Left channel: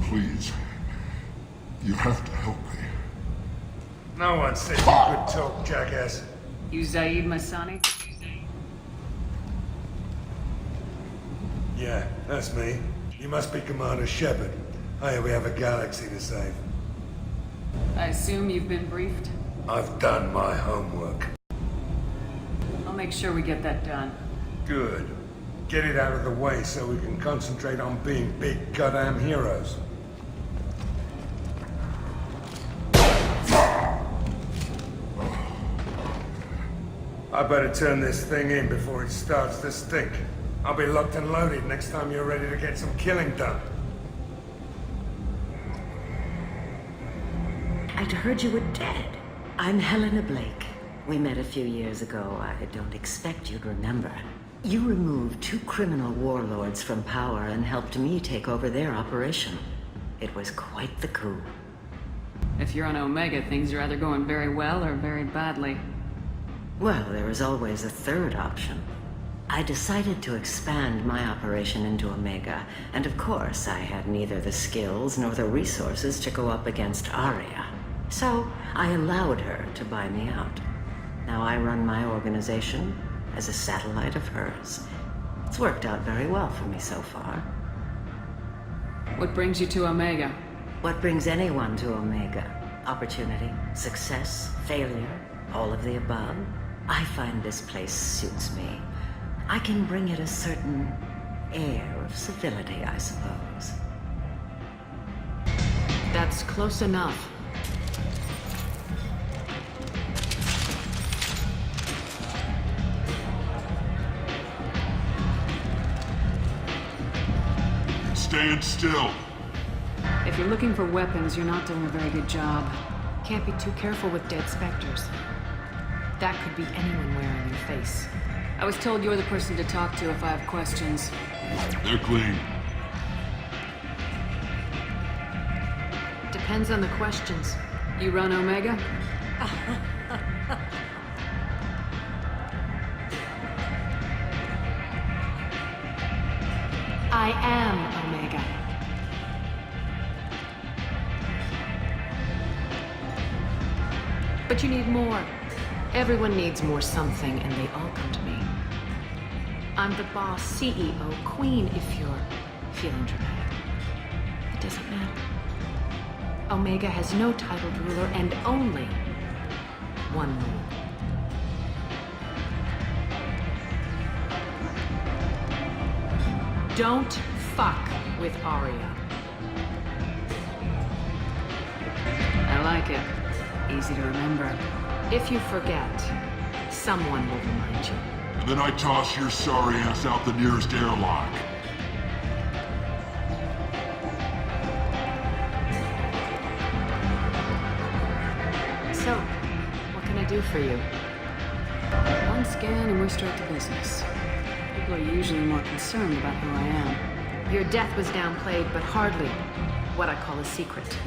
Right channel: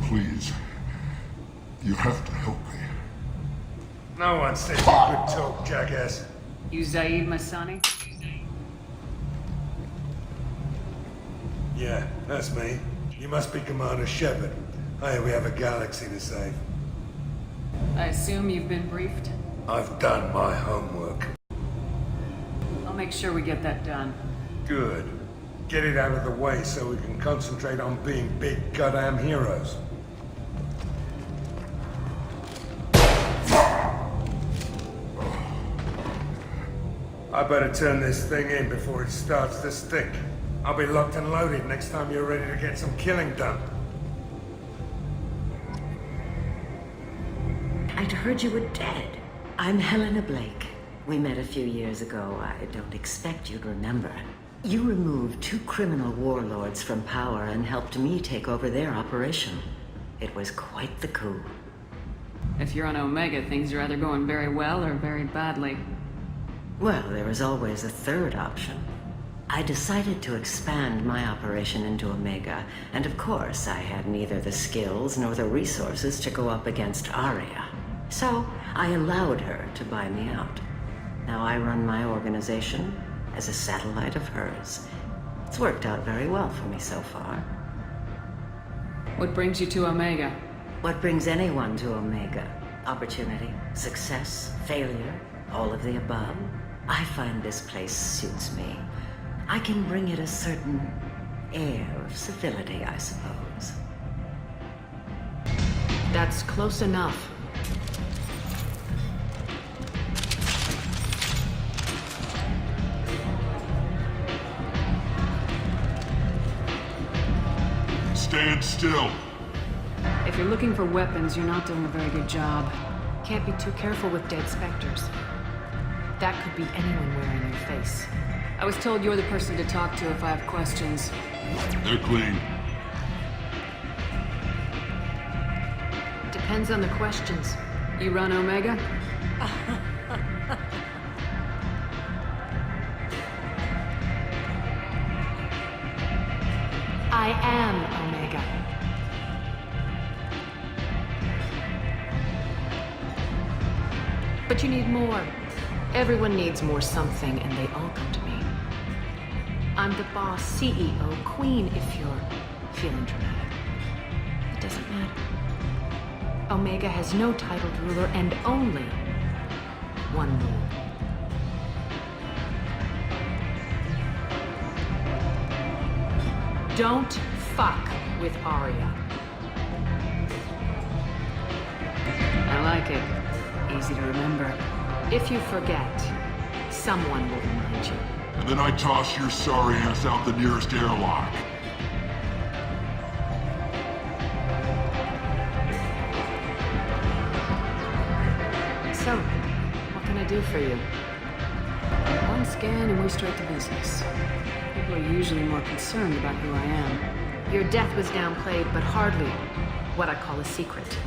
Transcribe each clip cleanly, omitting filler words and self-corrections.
Please. You have to help me. No one said you could talk, jackass. You Zaid Masani? Yeah, that's me. You must be Commander Shepard. Hey, we have a galaxy to save. I assume you've been briefed? I've done my homework. I'll make sure we get that done. Good. Get it out of the way so we can concentrate on being big goddamn heroes. I better turn this thing in before it starts to stink. I'll be locked and loaded next time you're ready to get some killing done. I'd heard you were dead. I'm Helena Blake. We met a few years ago. I don't expect you'd remember. You removed 2 criminal warlords from power and helped me take over their operation. It was quite the coup. If you're on Omega, things are either going very well or very badly. Well, there is always a third option. I decided to expand my operation into Omega, and of course I had neither the skills nor the resources to go up against Aria. So I allowed her to buy me out. Now I run my organization as a satellite of hers. It's worked out very well for me so far. What brings you to Omega? What brings anyone to Omega? Opportunity, success, failure, all of the above. I find this place suits me. I can bring it a certain air of civility, I suppose. That's close enough. Stand still. If you're looking for weapons, you're not doing a very good job. Can't be too careful with dead specters. That could be anyone wearing your face. I was told you're the person to talk to if I have questions. They're clean. Depends on the questions. You run Omega? I am Omega. But you need more. Everyone needs more something, and they all come to me. I'm the boss, CEO, queen, if you're feeling dramatic. It doesn't matter. Omega has no titled ruler and only one rule. Don't fuck with Aria. I like it. Easy to remember. If you forget, someone will remind you. And then I toss your sorry ass out the nearest airlock. So, what can I do for you? One scan and we're straight to business. People are usually more concerned about who I am. Your death was downplayed, but hardly what I call a secret.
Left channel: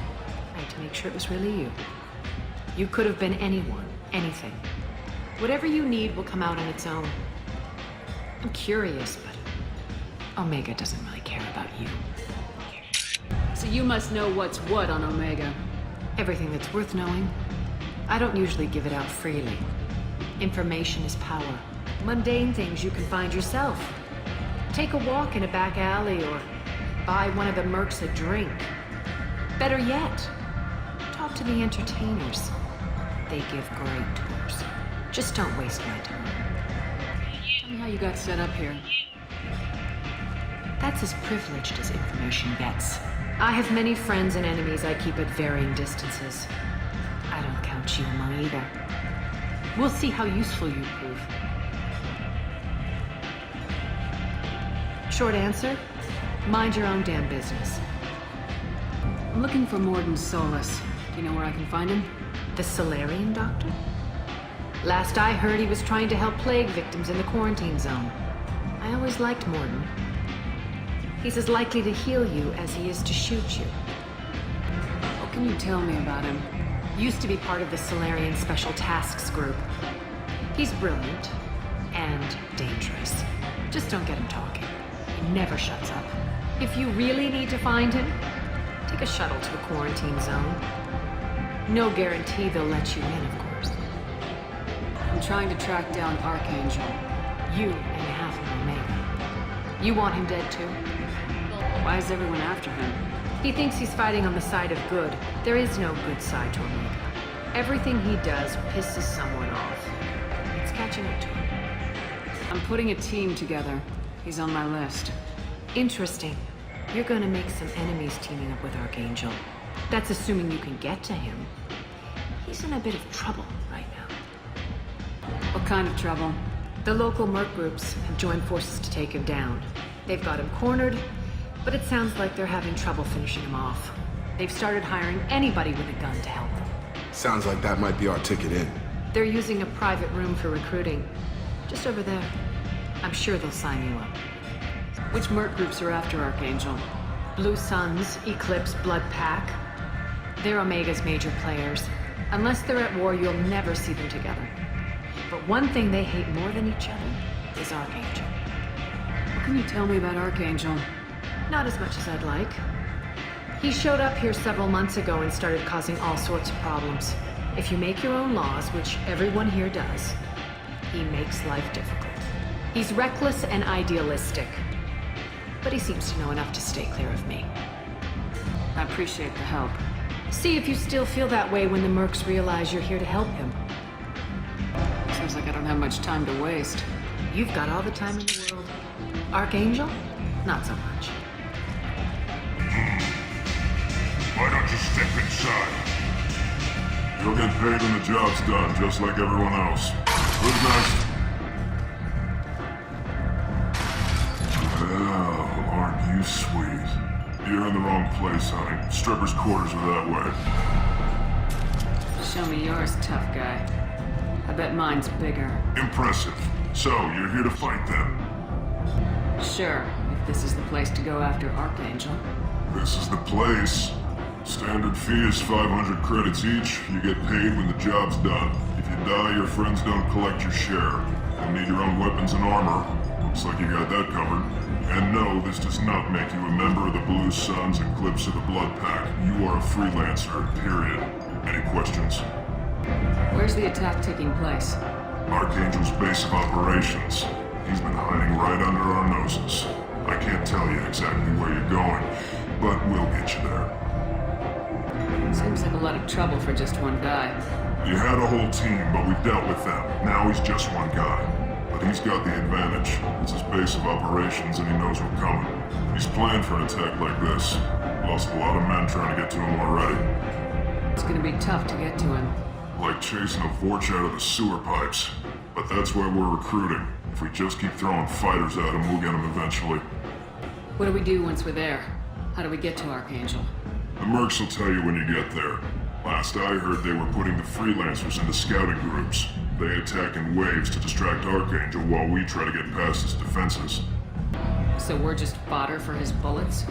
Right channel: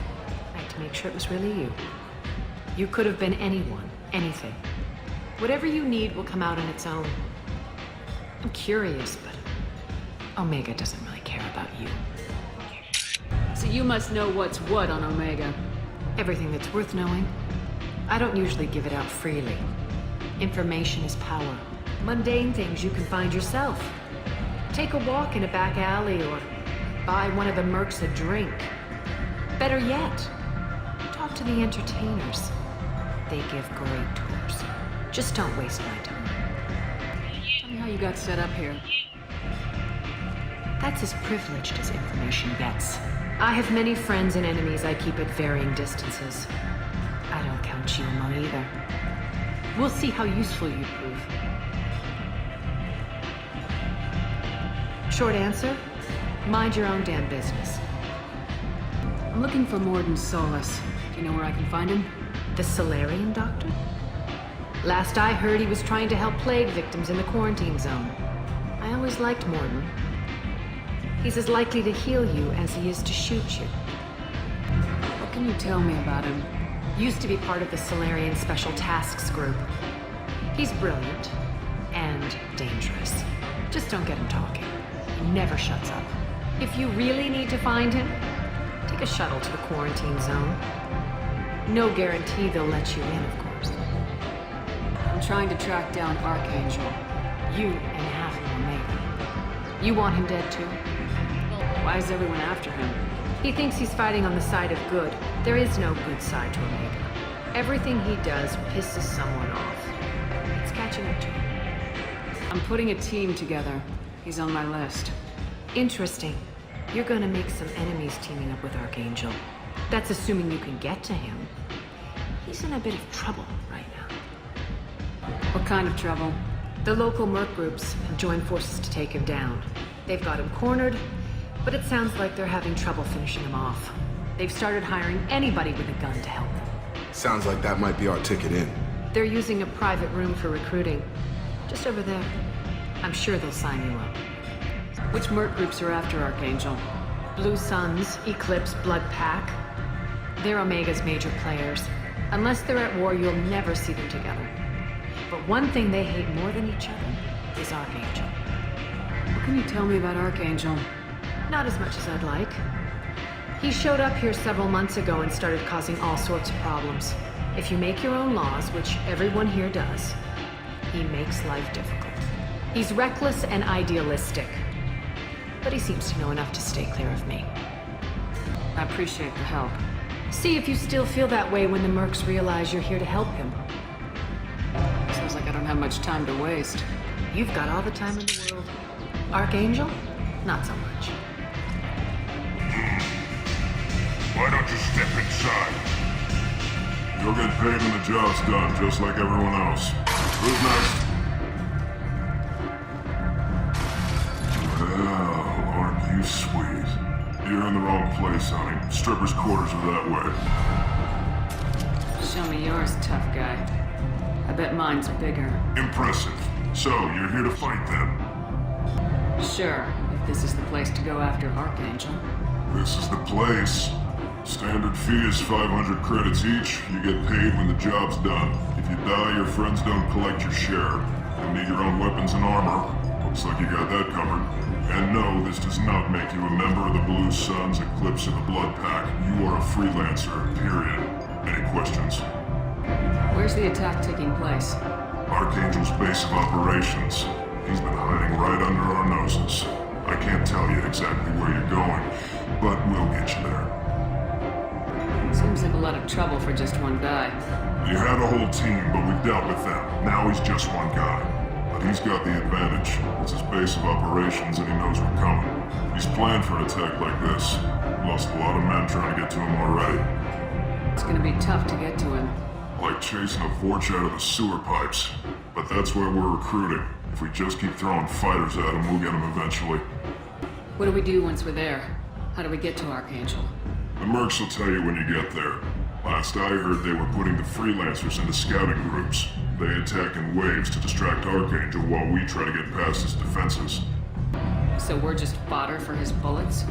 I had to make sure it was really you. You could have been anyone, anything. Whatever you need will come out on its own. I'm curious, but Omega doesn't really care about you. So you must know what's what on Omega. Everything that's worth knowing. I don't usually give it out freely. Information is power. Mundane things you can find yourself. Take a walk in a back alley or buy one of the mercs a drink. Better yet, talk to the entertainers. They give great tours. Just don't waste my time. Tell me how you got set up here. That's as privileged as information gets. I have many friends and enemies I keep at varying distances. I don't count you among either. We'll see how useful you prove. Short answer, mind your own damn business. I'm looking for Morden Solus. Do you know where I can find him? The Solarian doctor? Last I heard, he was trying to help plague victims in the quarantine zone. I always liked Morden. He's as likely to heal you as he is to shoot you. What can you tell me about him? Used to be part of the Solarian Special Tasks Group. He's brilliant, and dangerous. Just don't get him talking. He never shuts up. If you really need to find him, take a shuttle to the quarantine zone. No guarantee they'll let you in, of course. I'm trying to track down Archangel. You and half of Omega. You want him dead too? Why is everyone after him? He thinks he's fighting on the side of good. There is no good side to Omega. Everything he does pisses someone off. It's catching up to him. I'm putting a team together. He's on my list. Interesting. You're gonna make some enemies teaming up with Archangel. That's assuming you can get to him. He's in a bit of trouble right now. What kind of trouble? The local merc groups have joined forces to take him down. They've got him cornered, but it sounds like they're having trouble finishing him off. They've started hiring anybody with a gun to help them. Sounds like that might be our ticket in. They're using a private room for recruiting. Just over there. I'm sure they'll sign you up. Which merc groups are after Archangel? Blue Suns, Eclipse, Blood Pack. They're Omega's major players. Unless they're at war, you'll never see them together. But one thing they hate more than each other is Archangel. What can you tell me about Archangel? Not as much as I'd like. He showed up here several months ago and started causing all sorts of problems. If you make your own laws, which everyone here does, he makes life difficult. He's reckless and idealistic. But he seems to know enough to stay clear of me. I appreciate the help. See if you still feel that way when the mercs realize you're here to help him. Sounds like I don't have much time to waste. You've got all the time in the world. Archangel? Not so much. Why don't you step inside? You'll get paid when the job's done, just like everyone else. Who's next? Well, aren't you sweet? You're in the wrong place, honey. Strippers' quarters are that way. Show me yours, tough guy. I bet mine's bigger. Impressive. So, you're here to fight then? Sure, if this is the place to go after Archangel. This is the place. Standard fee is 500 credits each. You get paid when the job's done. If you die, your friends don't collect your share. You'll need your own weapons and armor. Looks like you got that covered. And no, this does not make you a member of the Blue Suns, Eclipse, or the Blood Pack. You are a freelancer, period. Any questions? Where's the attack taking place? Archangel's base of operations. He's been hiding right under our noses. I can't tell you exactly where you're going, but we'll get you there. Seems like a lot of trouble for just one guy. You had a whole team, but we've dealt with them. Now he's just one guy. But he's got the advantage. It's his base of operations and he knows we're coming. He's planned for an attack like this. Lost a lot of men trying to get to him already. It's gonna be tough to get to him. Like chasing a Vorch out of the sewer pipes. But that's why we're recruiting. If we just keep throwing fighters at him, we'll get him eventually. What do we do once we're there? How do we get to Archangel? The mercs will tell you when you get there. Last I heard, they were putting the freelancers into scouting groups. They attack in waves to distract Archangel while we try to get past his defenses. So we're just fodder for his bullets?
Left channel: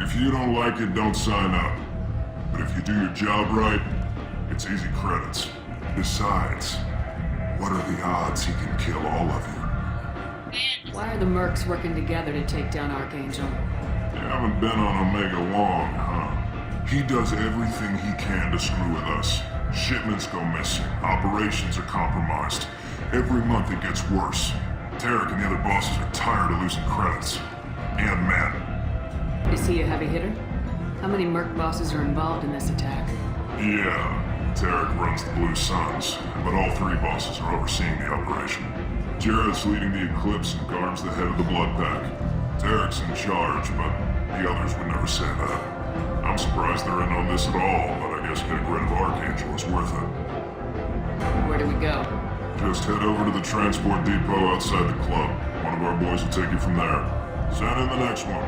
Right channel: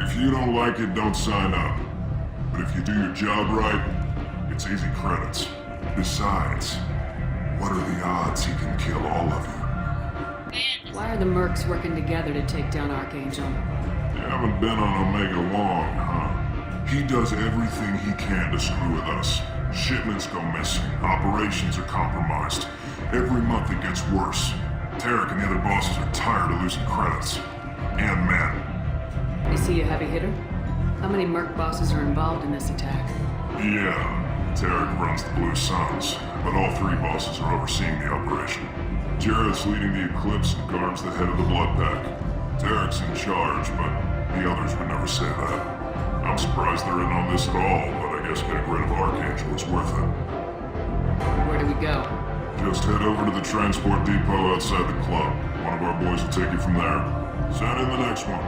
If you don't like it, don't sign up. But if you do your job right, it's easy credits. Besides, what are the odds he can kill all of you? Why are the mercs working together to take down Archangel? You haven't been on Omega long, huh? He does everything he can to screw with us. Shipments go missing, operations are compromised. Every month it gets worse. Tarek and the other bosses are tired of losing credits. And men. Is he a heavy hitter? How many merc bosses are involved in this attack? Yeah, Tarek runs the Blue Suns, but all three bosses are overseeing the operation. Jared's leading the Eclipse and Garm's the head of the Blood Pack. Tarek's in charge, but the others would never say that. I'm surprised they're in on this at all, but I guess getting rid of Archangel is worth it. Where do we go? Just head over to the transport depot outside the club. One of our boys will take you from there. Send in the next one.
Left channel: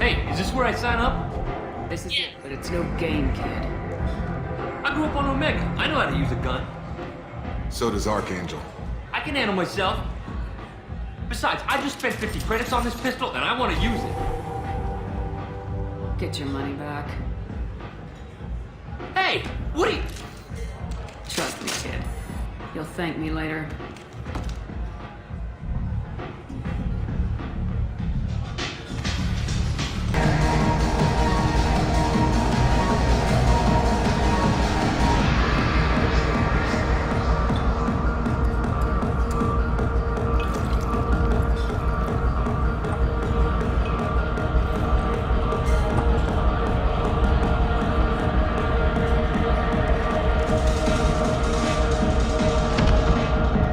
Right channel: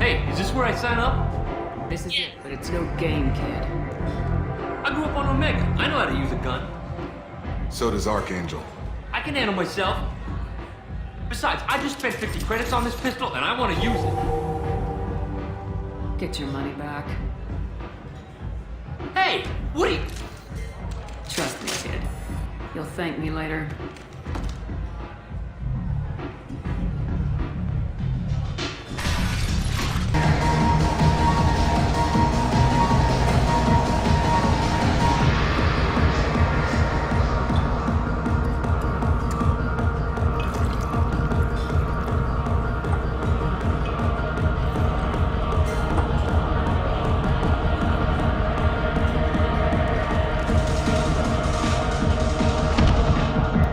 Hey, is this where I sign up? This is it, but it's no game, kid. I grew up on Omega. I know how to use a gun. So does Archangel. I can handle myself. Besides, I just spent 50 credits on this pistol, and I want to use it. Get your money back. Hey, what are you... Trust me, kid. You'll thank me later.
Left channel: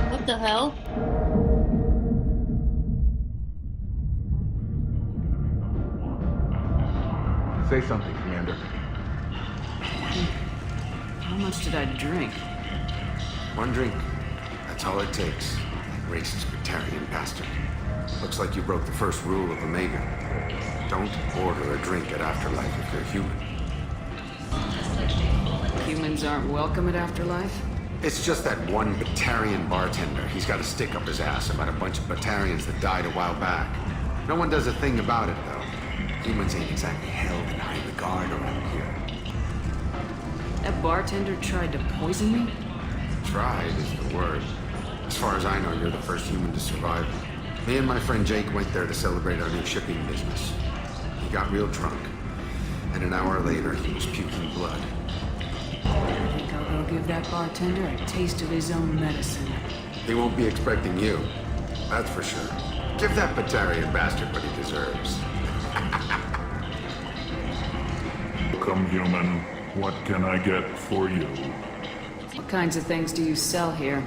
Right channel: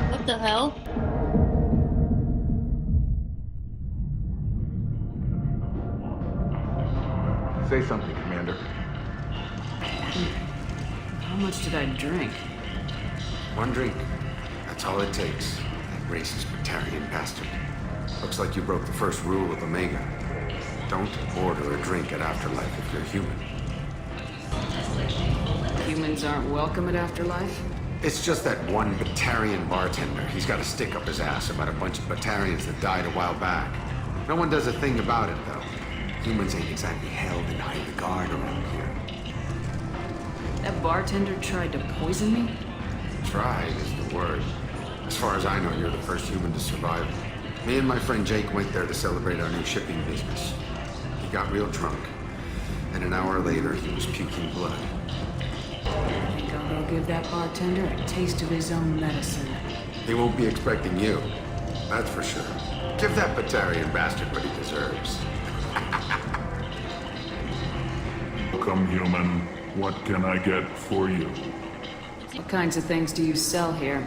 What the hell? Say something, Commander. How much did I drink? One drink. That's all it takes. That racist Batarian bastard. Looks like you broke the first rule of Omega. Don't order a drink at Afterlife if you're human. Humans aren't welcome at Afterlife? It's just that one Batarian bartender. He's got a stick up his ass about a bunch of Batarians that died a while back. No one does a thing about it, though. Humans ain't exactly held in high regard around here. That bartender tried to poison me? Tried is the word. As far as I know, you're the first human to survive it. Me and my friend Jake went there to celebrate our new shipping business. He got real drunk. And an hour later, he was puking blood. I think I'll go give that bartender a taste of his own medicine. He won't be expecting you. That's for sure. Give that Batarian bastard what he deserves. Welcome, human. What can I get for you? What kinds of things do you sell here?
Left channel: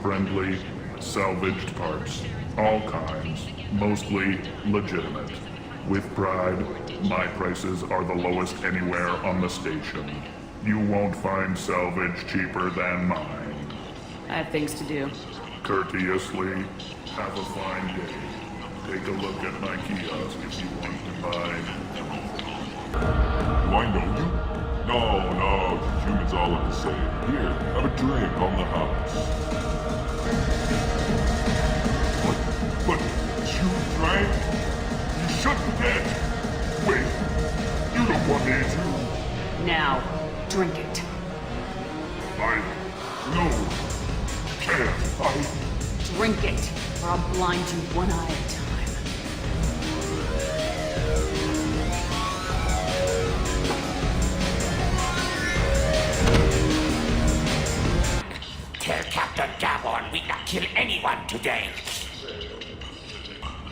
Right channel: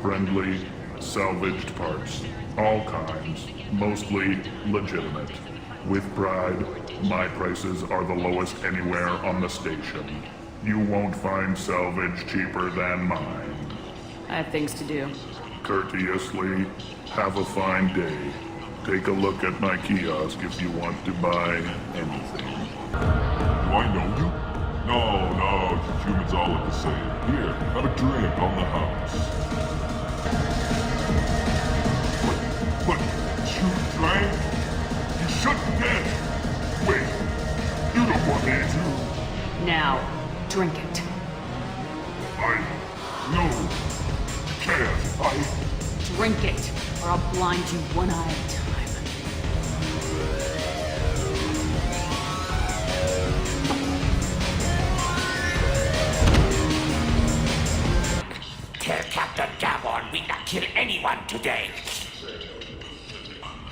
Friendly, salvaged parts. All kinds. Mostly legitimate. With pride, my prices are the lowest anywhere on the station. You won't find salvage cheaper than mine. I have things to do. Courteously, have a fine day. Take a look at my kiosk if you want to buy anything. Do I know you? No, you humans all look the same. Here, have a drink on the house. But you drank? You shouldn't get. Wait, you don't want me to. Now, drink it. No, you can't. Drink it, or I'll blind you one eye at a time. Tell Captain Gavon we not kill anyone today.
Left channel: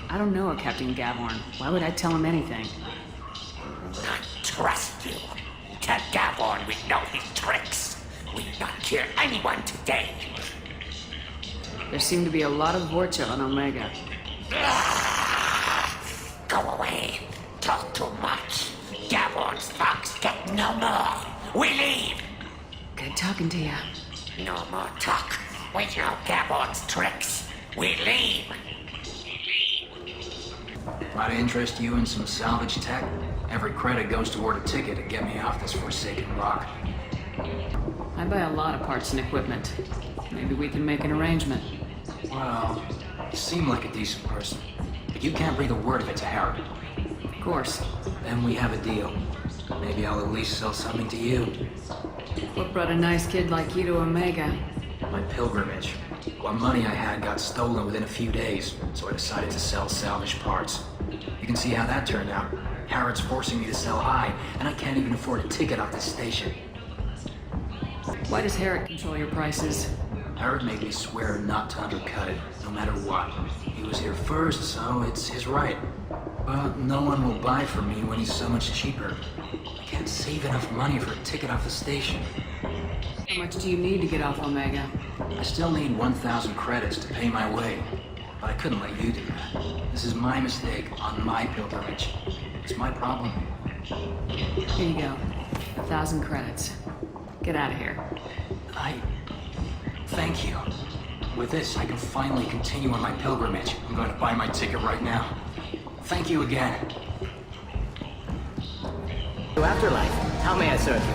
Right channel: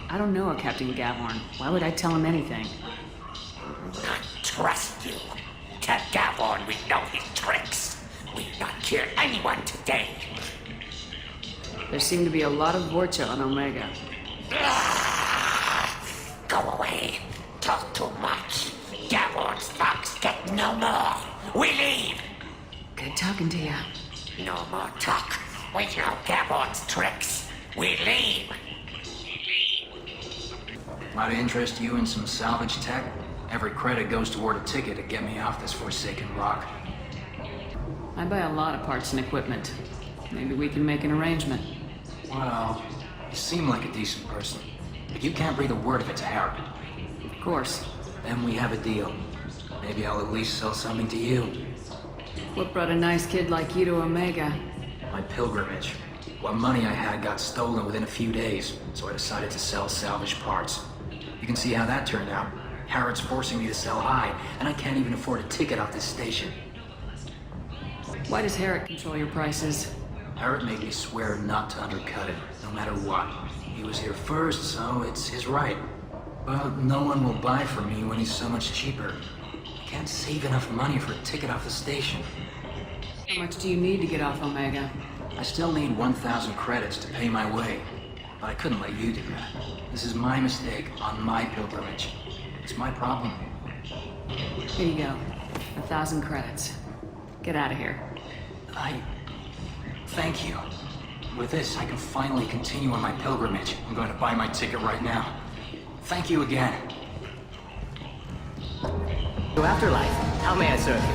I don't know a Captain Gavhorn. Why would I tell him anything? I trust you. Tell Gavon we know his tricks. We not kill anyone today. There seem to be a lot of Vorcha on Omega. Go away. Talk too much. Gavon's thugs get no more. We leave. Good talking to you. No more talk. We know Gavon's tricks. We leave. Might interest you in some salvage tech? Every credit goes toward a ticket to get me off this forsaken rock. I buy a lot of parts and equipment. Maybe we can make an arrangement. Well, you seem like a decent person, but you can't breathe a word of it to Harrod. Of course. Then we have a deal. Maybe I'll at least sell something to you. What brought a nice kid like you to Omega? My pilgrimage. What money I had got stolen within a few days, so I decided to sell salvaged parts. You can see how that turned out. Harrod's forcing me to sell high, and I can't even afford a ticket off this station. Why does Herrick control your prices? Harrod made me swear not to undercut it, no matter what. He was here first, so it's his right. But no one will buy from me when he's so much cheaper. I can't save enough money for a ticket off the station. How much do you need to get off Omega? I still need 1,000 credits to pay my way. But I couldn't let you do that. This is my mistake on my pilgrimage. It's my problem. Here you go. 1,000 credits. Get out of here. Thank you. With this, I can finally continue on my pilgrimage. I'm going to buy my ticket right now. Thank you again. To Afterlife. How may I serve you?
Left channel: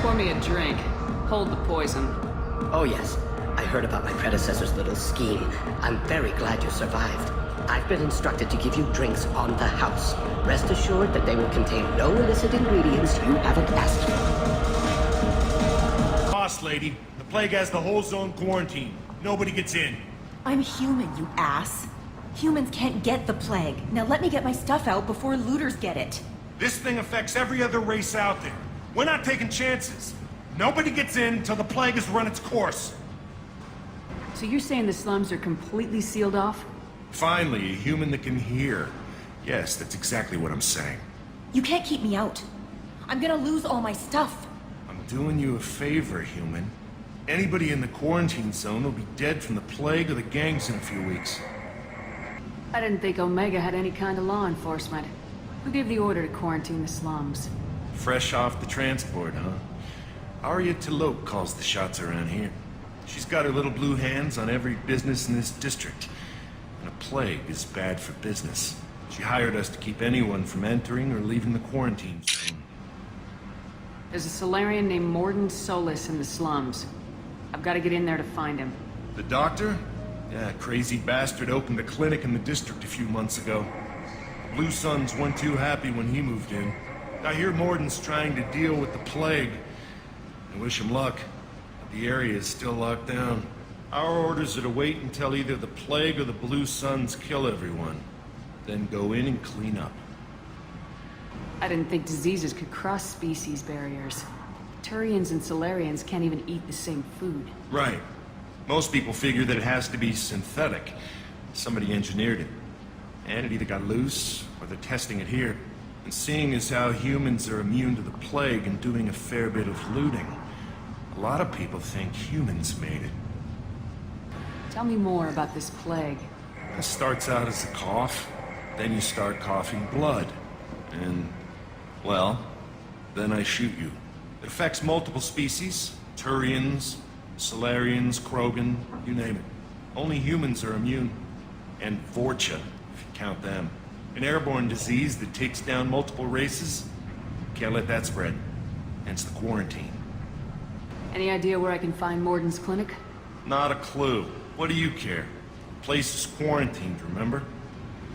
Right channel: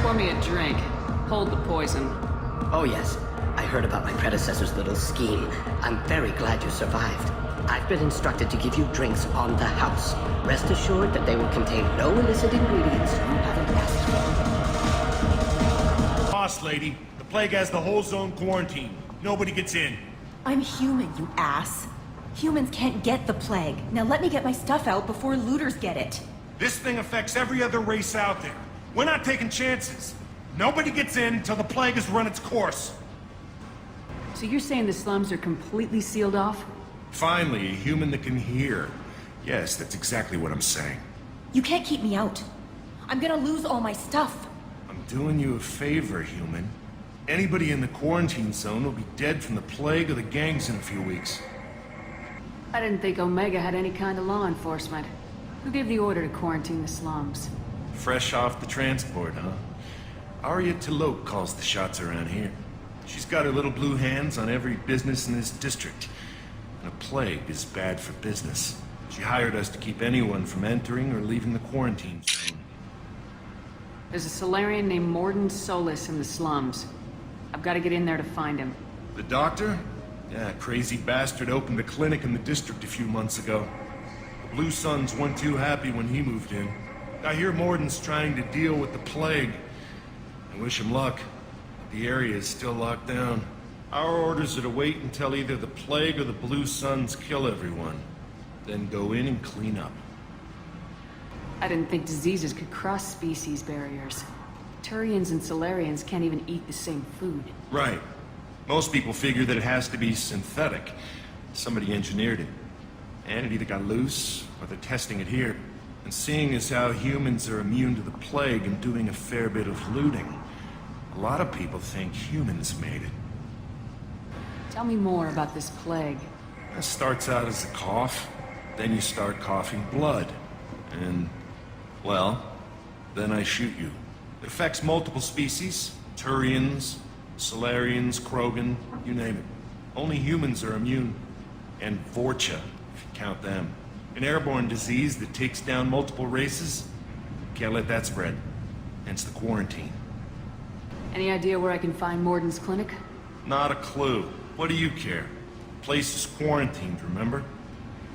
Pour me a drink. Hold the poison. Oh yes, I heard about my predecessor's little scheme. I'm very glad you survived. I've been instructed to give you drinks on the house. Rest assured that they will contain no illicit ingredients you haven't asked for. Boss lady, the Plague has the whole zone quarantined. Nobody gets in. I'm human, you ass. Humans can't get the plague. Now let me get my stuff out before looters get it. This thing affects every other race out there. We're not taking chances. Nobody gets in until the plague has run its course. So you're saying the slums are completely sealed off? Finally, a human that can hear. Yes, that's exactly what I'm saying. You can't keep me out. I'm gonna lose all my stuff. I'm doing you a favor, human. Anybody in the quarantine zone will be dead from the plague or the gangs in a few weeks. I didn't think Omega had any kind of law enforcement. Who gave the order to quarantine the slums? Fresh off the transport, huh? Arya Taloke calls the shots around here. She's got her little blue hands on every business in this district. And a plague is bad for business. She hired us to keep anyone from entering or leaving the quarantine zone. There's a Solarian named Morden Solis in the slums. I've got to get in there to find him. The doctor? Yeah, crazy bastard opened a clinic in the district a few months ago. The Blue Suns weren't too happy when he moved in. I hear Morden's trying to deal with the plague. I wish him luck, but the area is still locked down. Our orders are to wait until either the plague or the Blue Suns kill everyone. Then go in and clean up. I didn't think diseases could cross species barriers. Turians and Solarians can't even eat the same food. Right. Most people figure that it has to be synthetic. Somebody engineered it. And it either got loose, or they're testing it here. And seeing as how humans are immune to the plague and doing a fair bit of looting, a lot of people think humans made it. Tell me more about this plague. It starts out as a cough, then you start coughing blood. And, well, then I shoot you. It affects multiple species, Turians, Solarians, Krogan, you name it. Only humans are immune. And Vorcha, if you count them. An airborne disease that takes down multiple races. Can't let that spread. Hence the quarantine. Any idea where I can find Morden's clinic? Not a clue. What do you care? Place is quarantined, remember?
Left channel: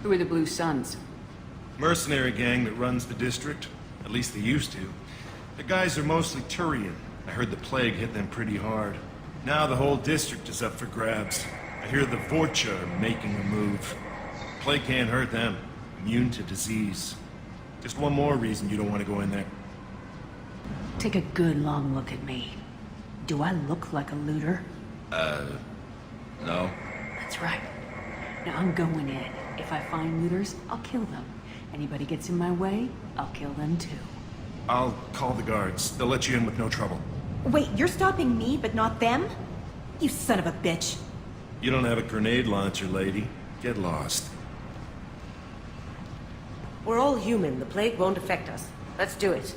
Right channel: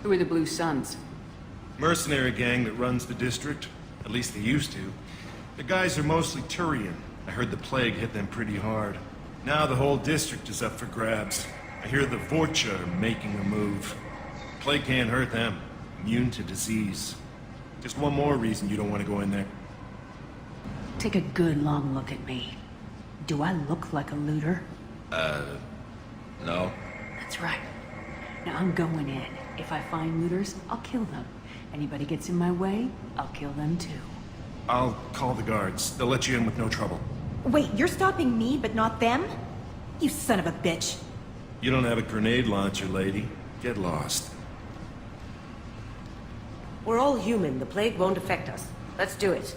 Who are the Blue Suns? Mercenary gang that runs the district. At least they used to. The guys are mostly Turian. I heard the plague hit them pretty hard. Now the whole district is up for grabs. I hear the Vorcha are making a move. Plague can't hurt them. Immune to disease. Just one more reason you don't want to go in there. Take a good long look at me. Do I look like a looter? No. That's right. Now I'm going in. If I find looters, I'll kill them. Anybody gets in my way, I'll kill them too. I'll call the guards. They'll let you in with no trouble. Wait, you're stopping me, but not them? You son of a bitch. You don't have a grenade launcher, lady. Get lost. We're all human. The plague won't affect us. Let's do it.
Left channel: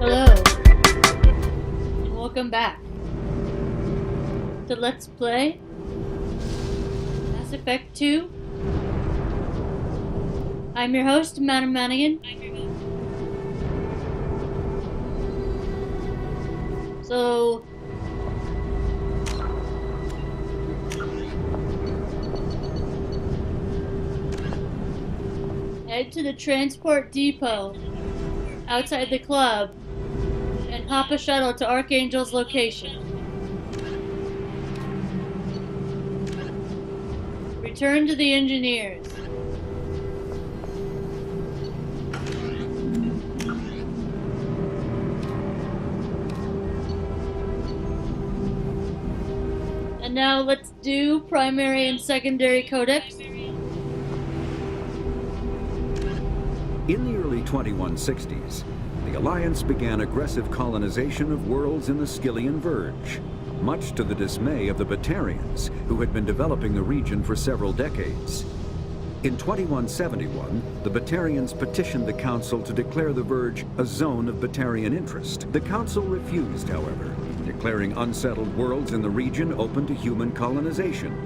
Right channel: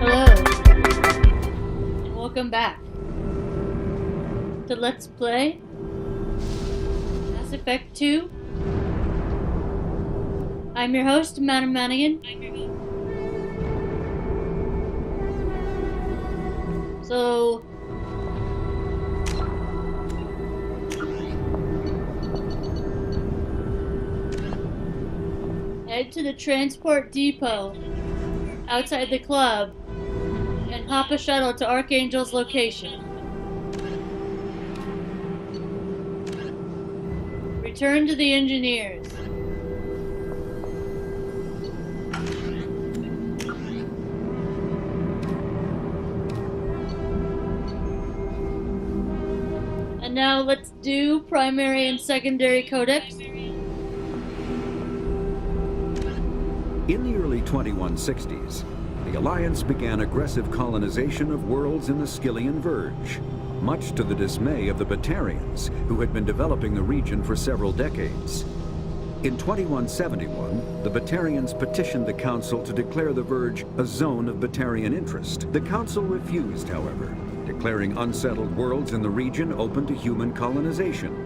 Hello, and welcome back to Let's Play Mass Effect 2. I'm your host, Madam Manigan. So, head to the transport depot outside the club and hop a shuttle to Archangel's location. Return to the engineers. And now let's do primary and secondary codex. In the early 2160s, the Alliance began aggressive colonization of worlds in the Skyllian Verge, much to the dismay of the Batarians, who had been developing the region for several decades. In 2171, the Batarians petitioned the Council to declare the Verge a zone of Batarian interest. The Council refused, however, declaring unsettled worlds in the region open to human colonization.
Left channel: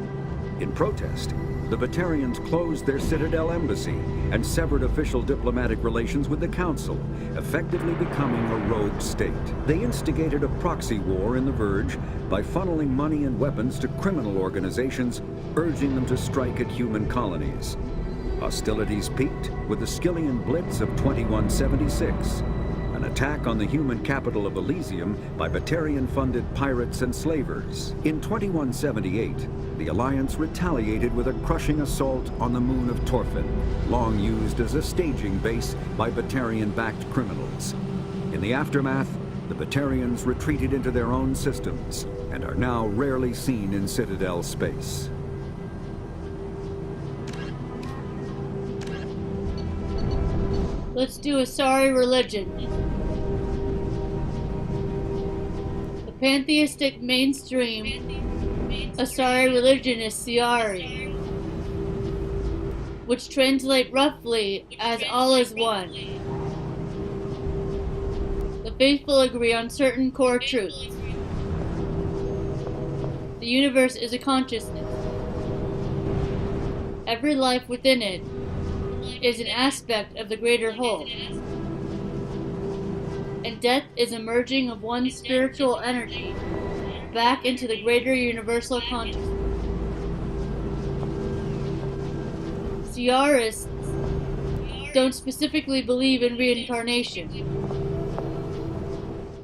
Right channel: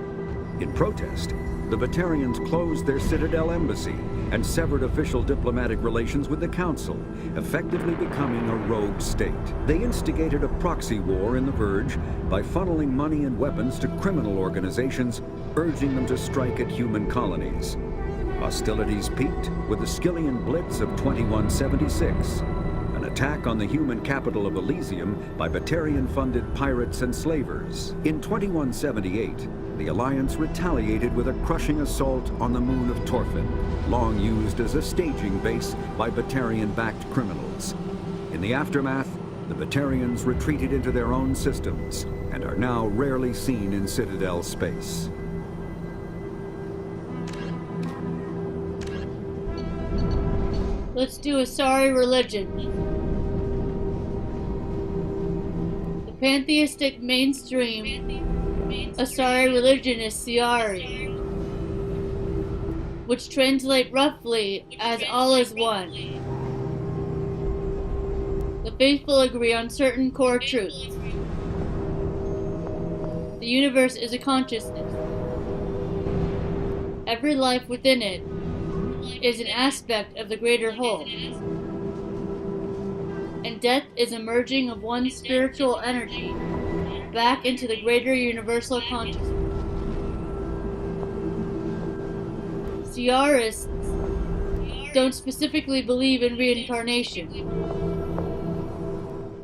In protest, the Batarians closed their Citadel embassy and severed official diplomatic relations with the Council, effectively becoming a rogue state. They instigated a proxy war in the Verge by funneling money and weapons to criminal organizations, urging them to strike at human colonies. Hostilities peaked with the Skillian Blitz of 2176, an attack on the human capital of Elysium by Batarian-funded pirates and slavers. In 2178, the Alliance retaliated with a crushing assault on the moon of Torfin, long used as a staging base by Batarian-backed criminals. In the aftermath, the Batarians retreated into their own systems and are now rarely seen in Citadel space. Let's do Asari religion. The pantheistic mainstream Asari religion is Siari, which translate roughly as all is one. The faithful agree on certain core truths. The universe is a consciousness. Every life within it is an aspect of the greater whole. And death is a merging of one spiritual energy back into the greater universal consciousness. Siarists don't specifically believe in reincarnation.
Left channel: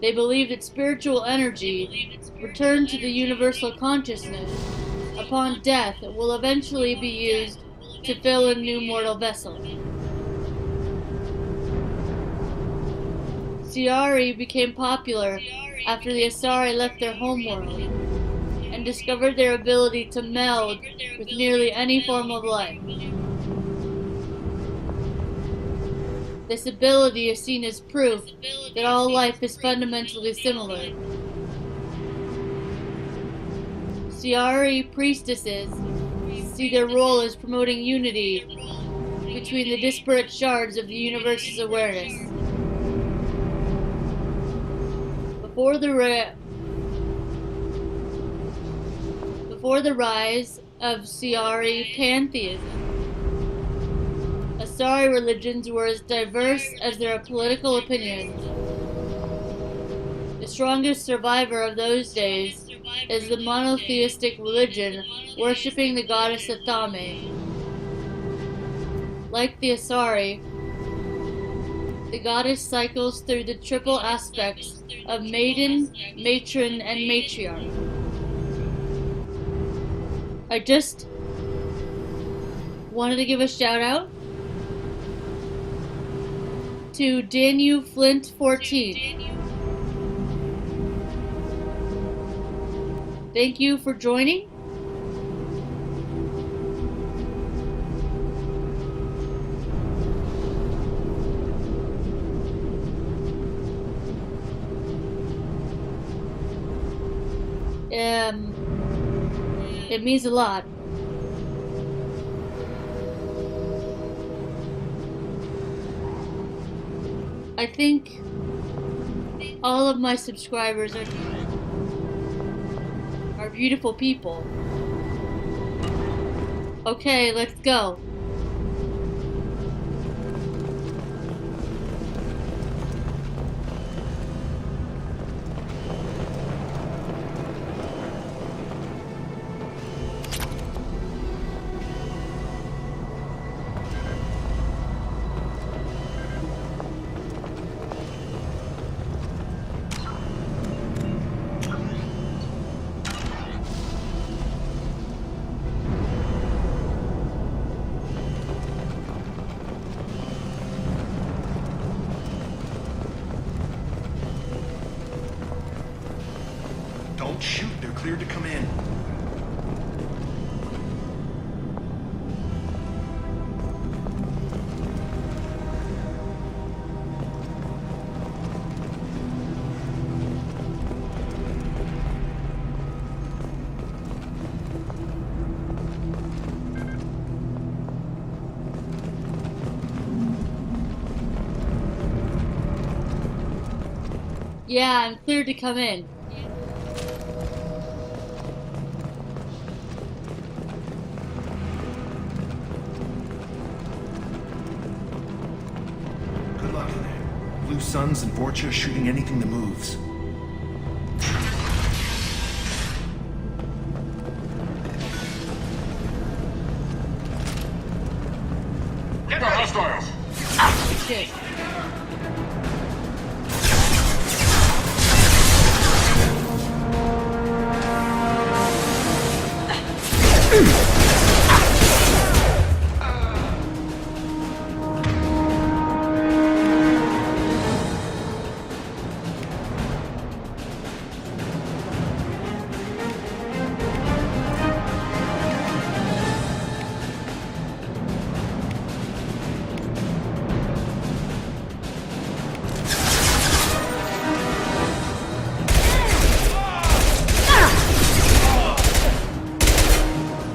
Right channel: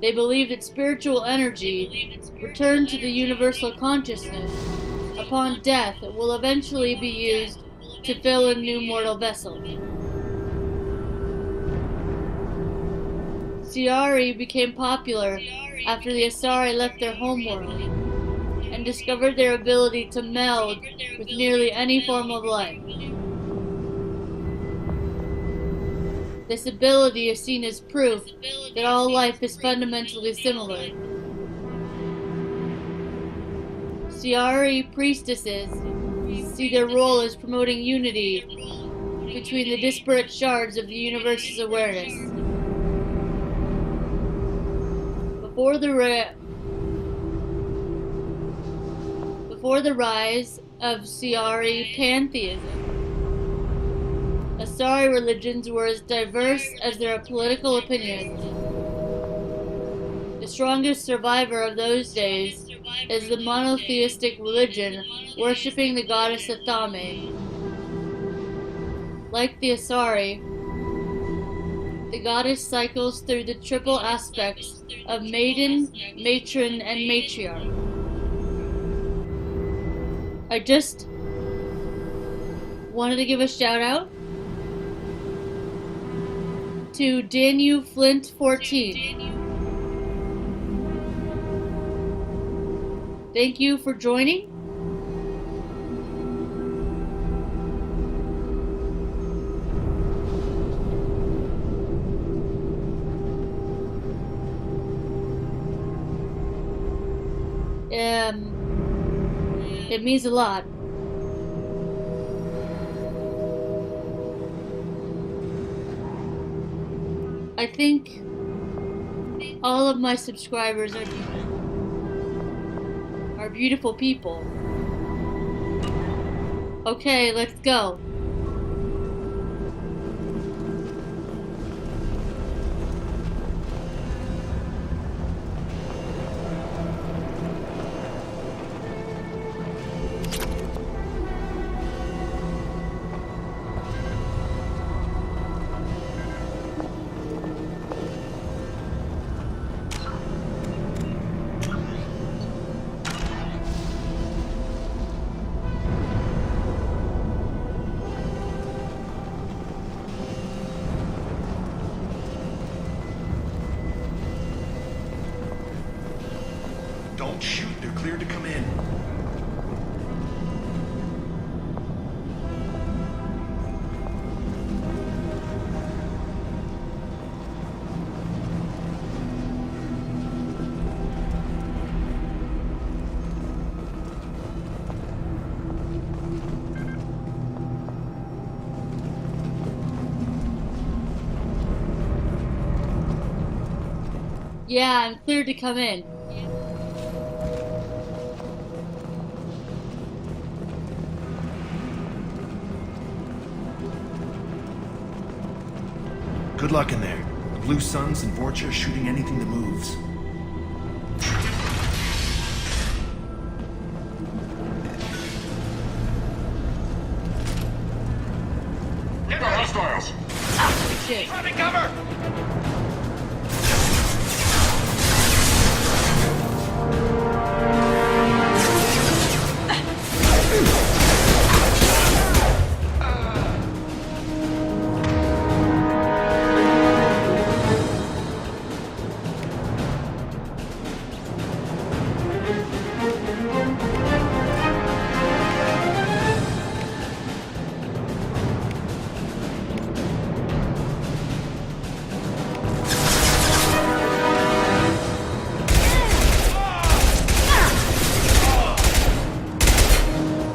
They believe that spiritual energy returned to the universal consciousness upon death will eventually be used to fill a new mortal vessel. Siari became popular after the Asari left their homeworld and discovered their ability to meld with nearly any form of life. This ability is seen as proof that all life is fundamentally similar. Siari priestesses see their role as promoting unity between the disparate shards of the universe's awareness. Before the rise of Siari pantheism, Asari religions were as diverse as their political opinions. The strongest survivor of those days is the monotheistic religion worshipping the goddess Athame. Like the Asari, the goddess cycles through the triple aspects of maiden, matron, and matriarch. I just wanted to give a shout out to Danu Flint 14. Thank you for joining. It means a lot. I think all of my subscribers are beautiful people. Okay, let's go. Don't shoot, they're cleared to come in. Yeah, I'm cleared to come in. Good luck in there. The Blue Suns and Vorcha shooting anything that moves. Get the hostiles! Oh, shit. Cover!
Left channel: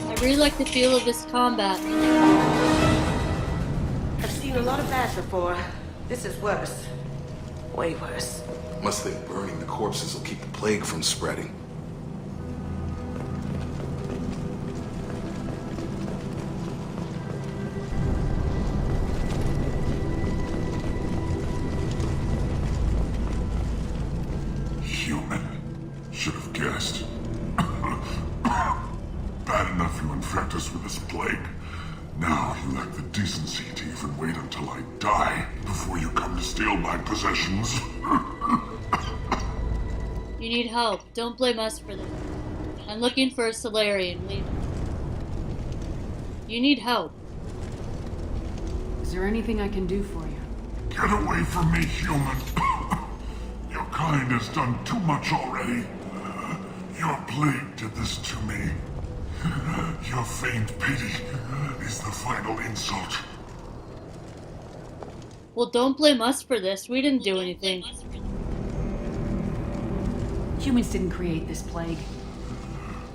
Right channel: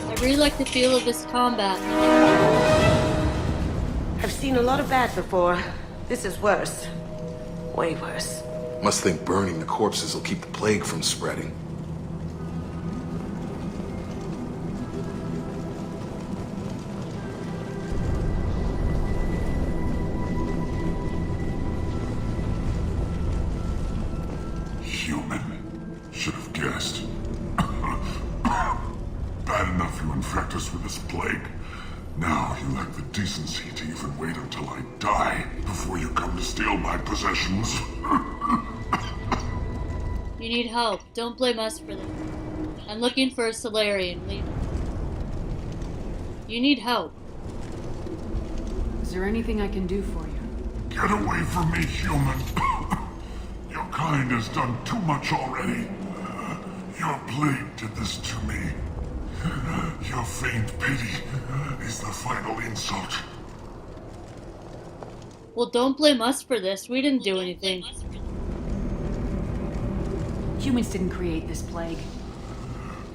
I really like the feel of this combat. I've seen a lot of that before. This is worse. Way worse. Must think burning the corpses will keep the plague from spreading. Human. Should have guessed. Bad enough you infect us with this plague. Now you lack the decency to even wait until I die before you come to steal my possessions. You need help. Don't blame us for this. I'm looking for a Solarian. Leave it. You need help. Is there anything I can do for you? Get away from me, human. Your kind has done too much already. Your plague did this to me. Your faint pity is the final insult. Well, don't blame us for this. We didn't do anything. Humans didn't create this plague.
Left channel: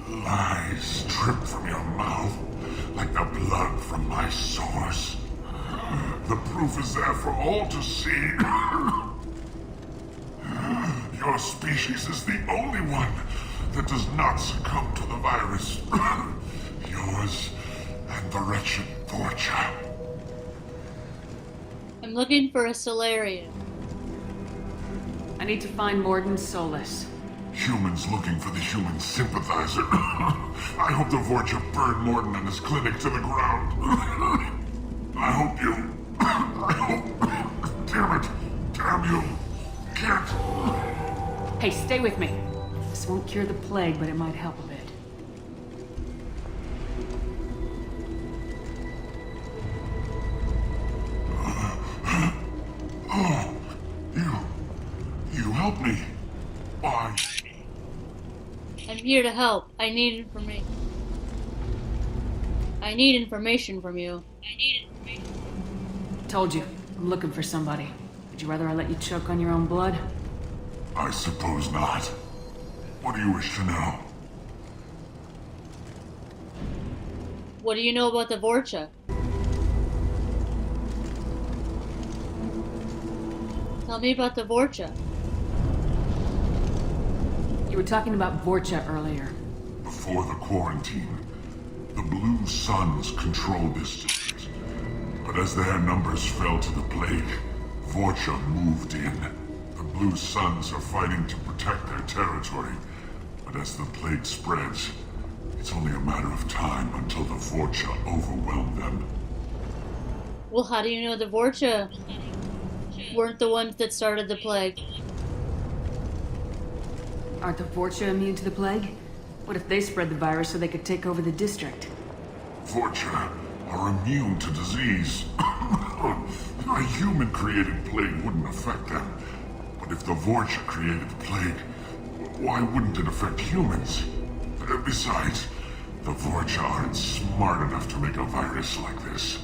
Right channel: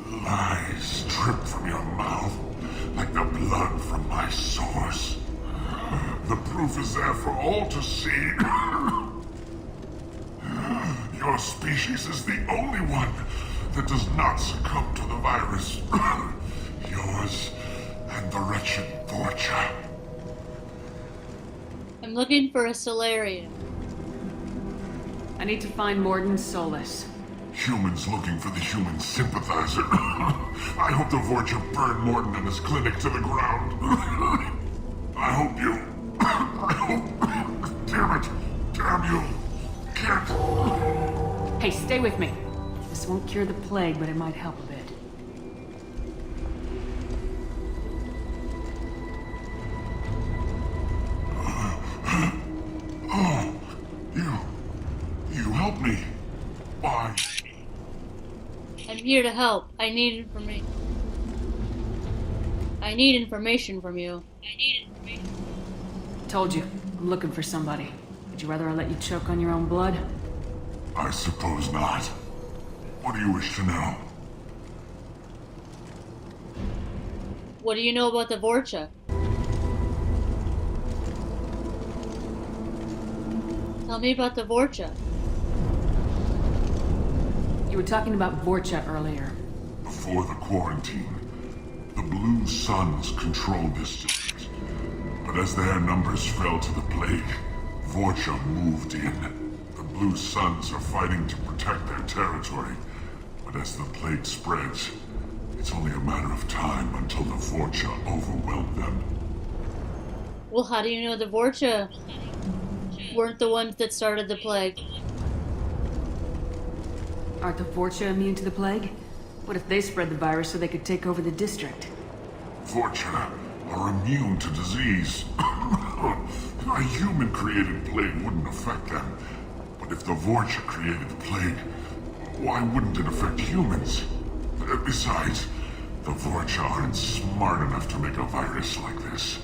Lies drip from your mouth like the blood from my sores. The proof is there for all to see. Your species is the only one that does not succumb to the virus. Yours and the wretched Vorcha. I'm looking for a Solarian. I need to find Morden Solus. Humans looking for the human sympathizer. I hope the Vorcha burned Morden and his clinic to the ground. I hope you... I hope... Damn it. Damn you. Can't... Hey, stay with me. This won't cure the plague, but it might help a bit. Oh, you help me. Why? I'm here to help. I need information. I need information from you. Told you, I'm looking for somebody. Would you rather I let you choke on your own blood? I suppose not. What do you wish to know? What do you know about the Vorcha? Tell me about the Vorcha. You were talking about Vorcha earlier. Before the quarantine, the Blue Suns controlled this district. But as their numbers fell to the plague, Vorcha moved in. The Blue Suns are fighting to protect their territory. But as the plague spreads, it's only a matter of time until the Vorcha overwhelm them. Well, how do you know the Vorcha weren't the ones that started the plague? Aren't the Vorcha immune to the plague? What if they spread the virus so they could take over the district? Vorcha are immune to disease. A human-created plague wouldn't affect them. But if the Vorcha created the plague, why wouldn't it affect humans? Besides, the Vorcha aren't smart enough to make a virus like this.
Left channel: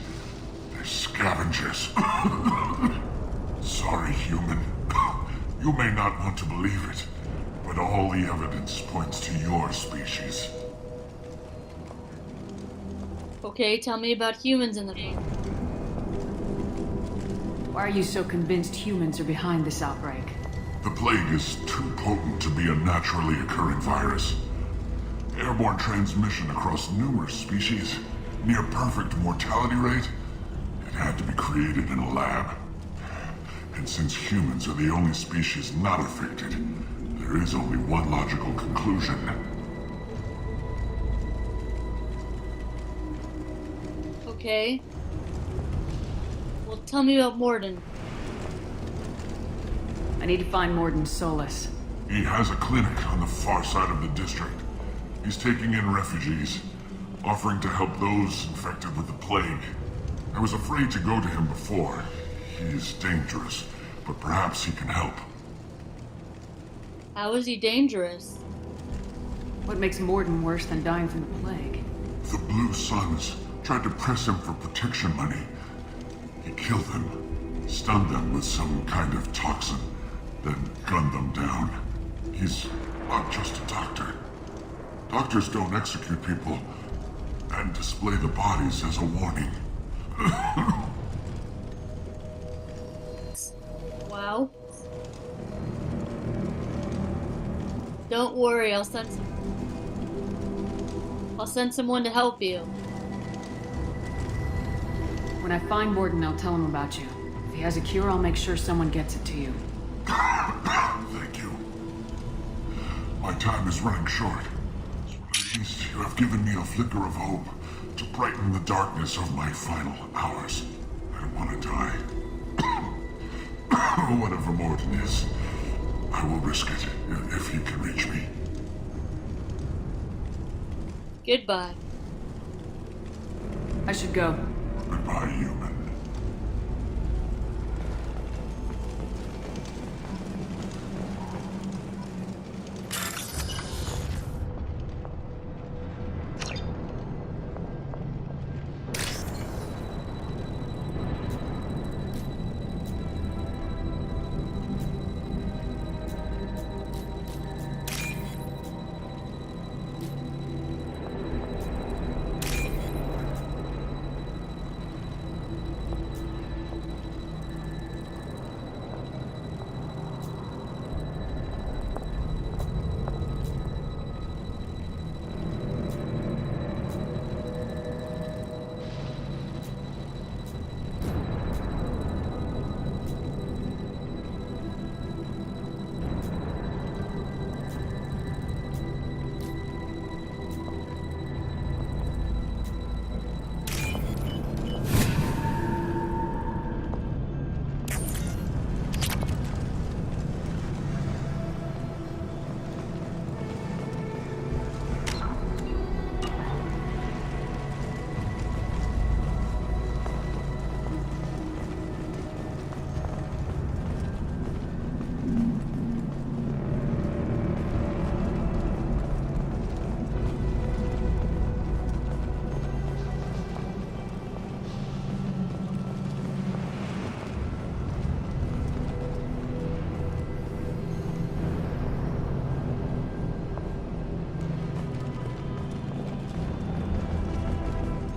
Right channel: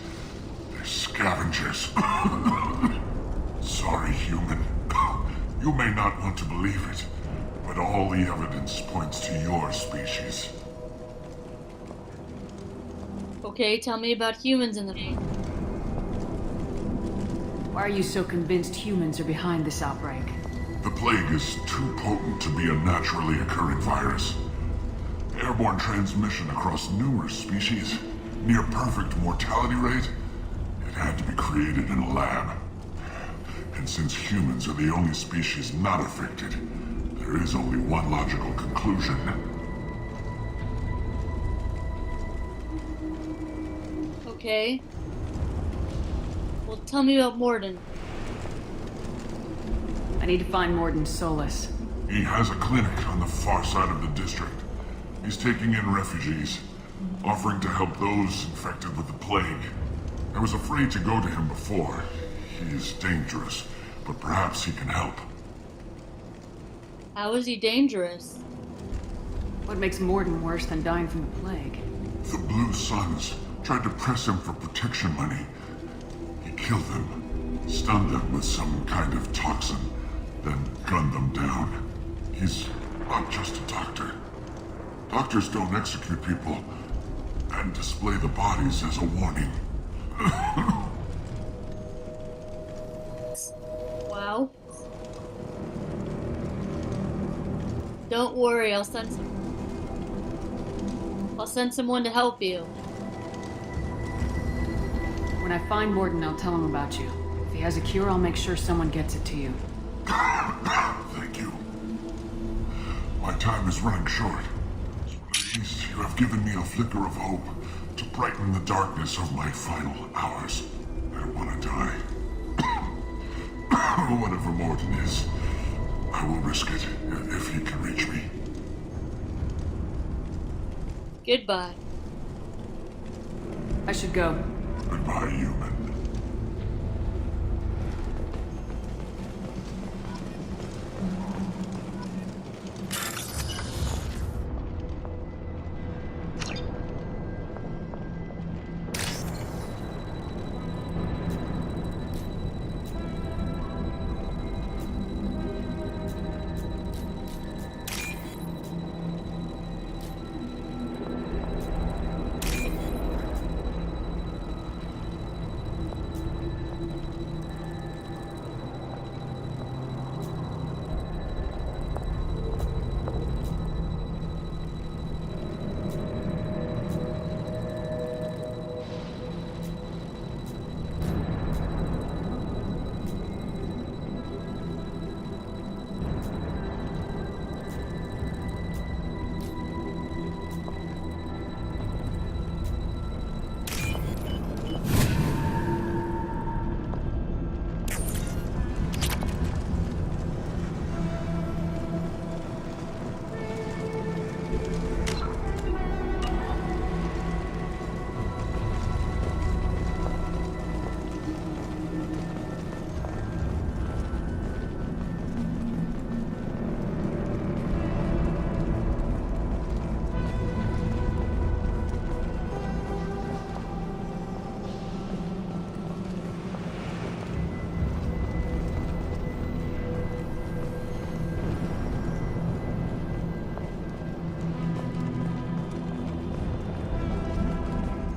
They're scavengers. Sorry, human. You may not want to believe it, but all the evidence points to your species. Okay, tell me about humans in the plague. Why are you so convinced humans are behind this outbreak? The plague is too potent to be a naturally occurring virus. Airborne transmission across numerous species, near perfect mortality rate. It had to be created in a lab. And since humans are the only species not affected, there is only one logical conclusion. Okay. Well, tell me about Morden. I need to find Morden Solus. He has a clinic on the far side of the district. He's taking in refugees, offering to help those infected with the plague. I was afraid to go to him before. He's dangerous, but perhaps he can help. How is he dangerous? What makes Morden worse than dying from the plague? The Blue Suns tried to press him for protection money. He killed them, stunned them with some kind of toxin, then gunned them down. He's not just a doctor. Doctors don't execute people and display the bodies as a warning. Wow. Don't worry, I'll send someone to help you. When I find Morden, I'll tell him about you. If he has a cure, I'll make sure someone gets it to you. Thank you. My time is running short. At least you have given me a flicker of hope to brighten the darkness of my final hours. I don't want to die. Whatever Morden is, I will risk it if he can reach me. Goodbye. I should go. Goodbye, human.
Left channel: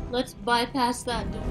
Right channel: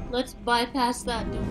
Let's bypass that door.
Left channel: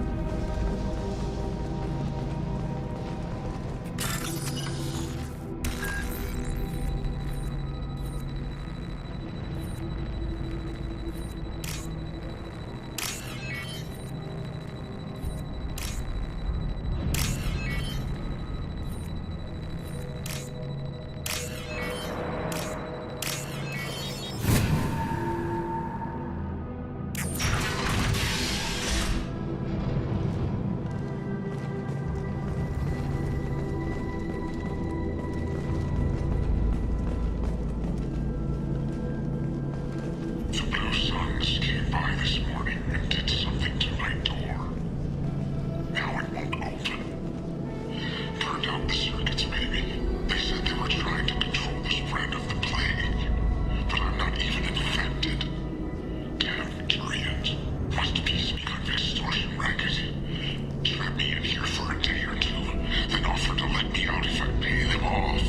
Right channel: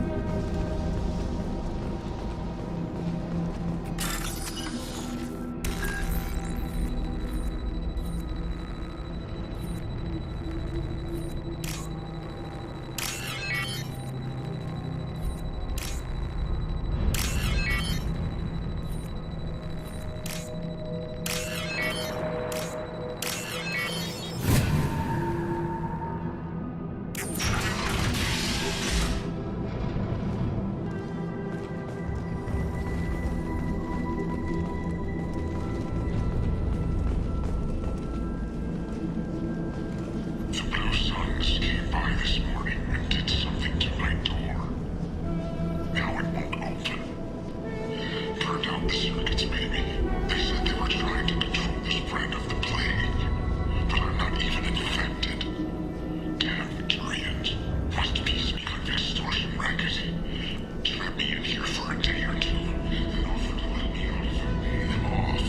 The Blue Suns came by this morning and did something to my door. Now it won't open. Turned out the circuits, maybe. They said they were trying to control the spread of the plague. But I'm not even infected. Damn Turians. Must be some kind of extortion racket. Trap me in here for a day or two, then offer to let me out if I pay them off.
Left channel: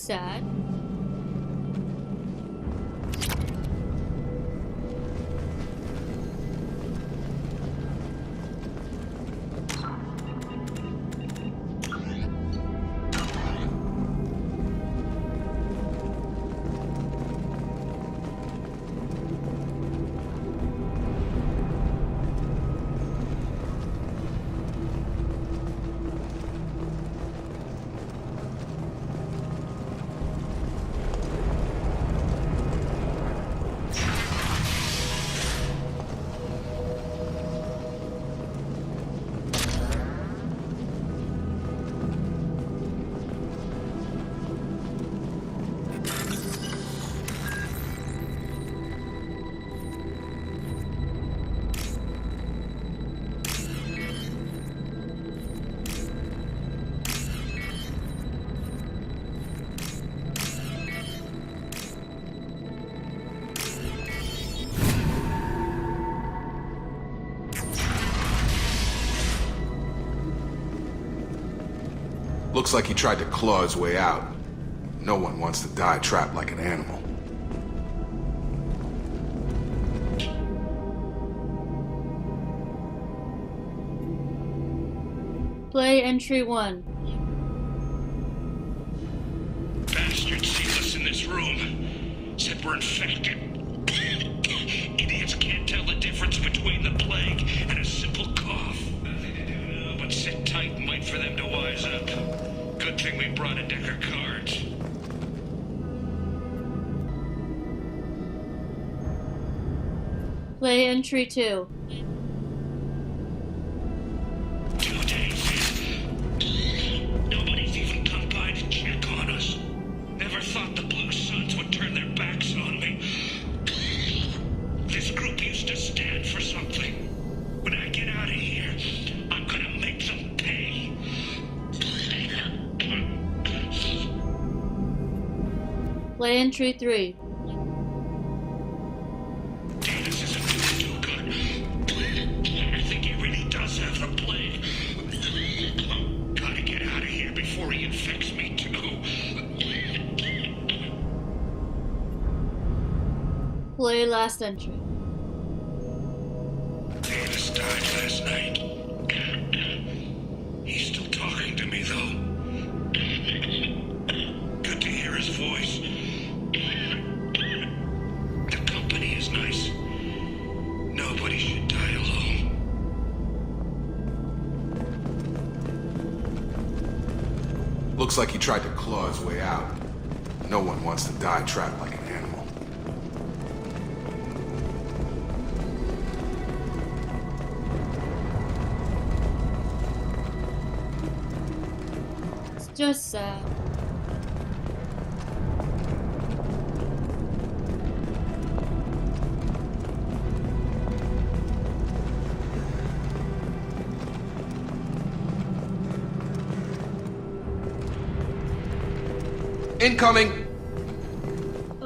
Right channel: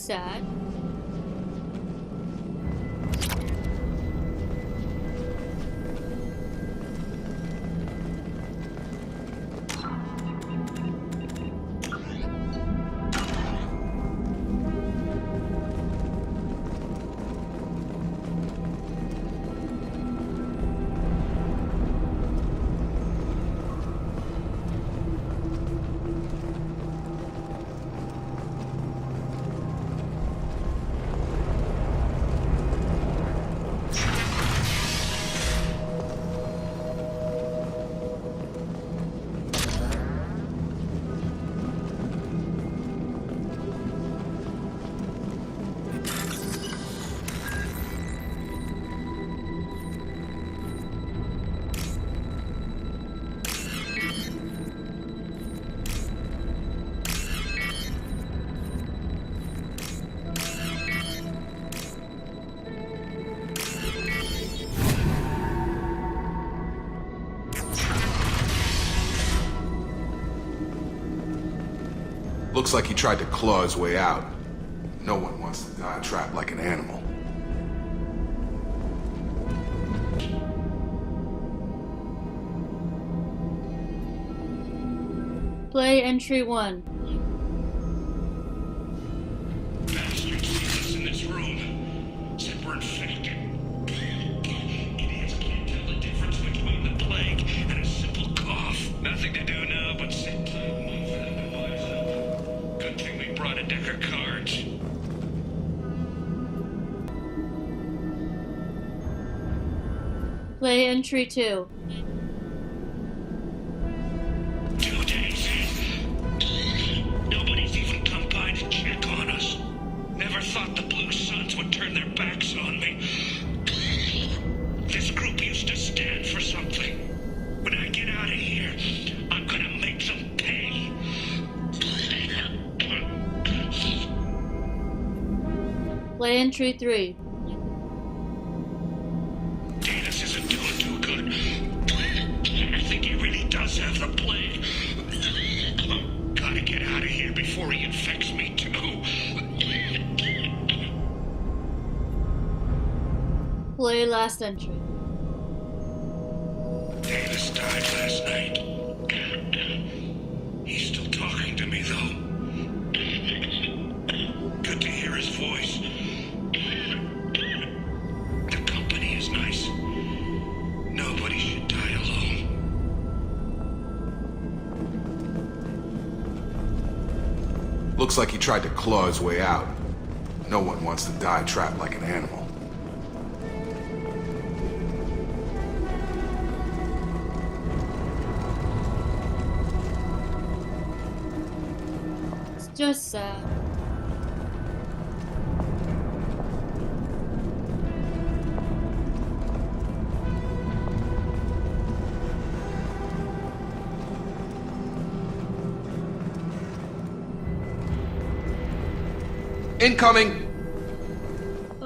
Sad. die trapped like an animal. Play entry 1. Bastards seen us in this room. Said we're infected. Idiots can't tell the difference between the plague and a simple cough. Nothing to do now but sit tight and wait for them to wise up. Good thing we brought a deck of cards. Play entry 2. 2 days in. Nobody's even come by to check on us. Never thought the Blue Suns would turn their backs on me. This group used to stand for something. When I get out of here, I'm gonna make them pay. Play entry 3. Davis isn't doing too good. I think he really does have the plague. Gotta get out of here before he infects me too. Play last entry. Davis died last night. He's still talking to me, though. Good to hear his voice. The company is nice. Nobody should die alone. Looks like he tried to claw his way out. No one wants to die trapped like an animal. It's just sad.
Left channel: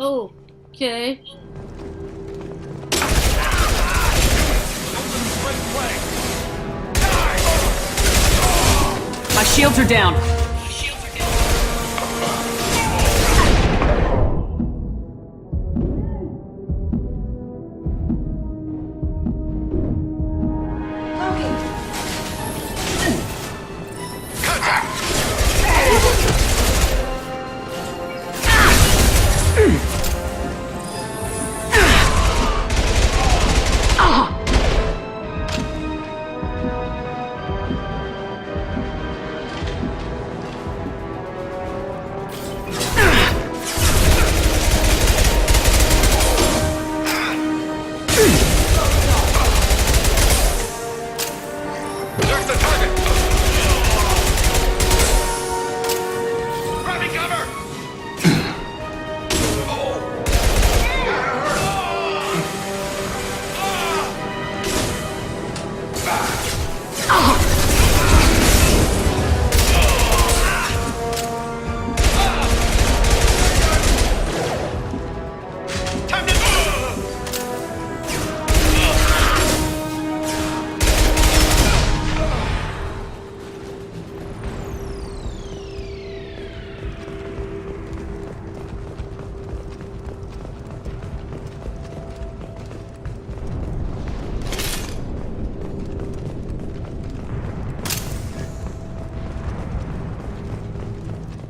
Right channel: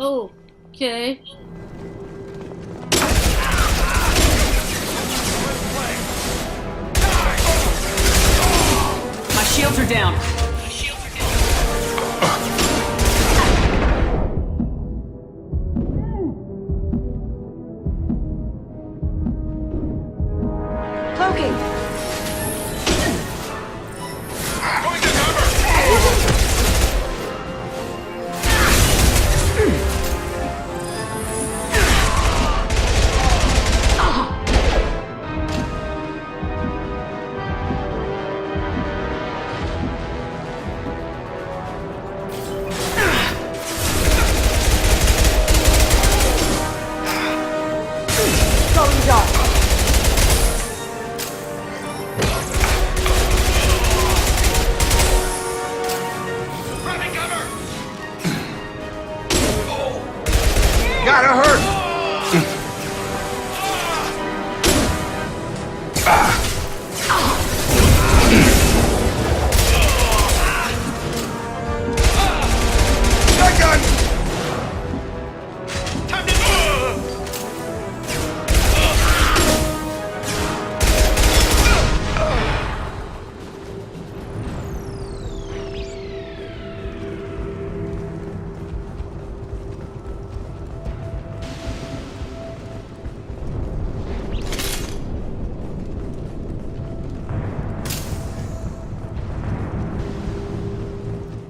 Oh, okay. My shields are down. Cloaking. Grabbing cover! Gotta hurt! Time to...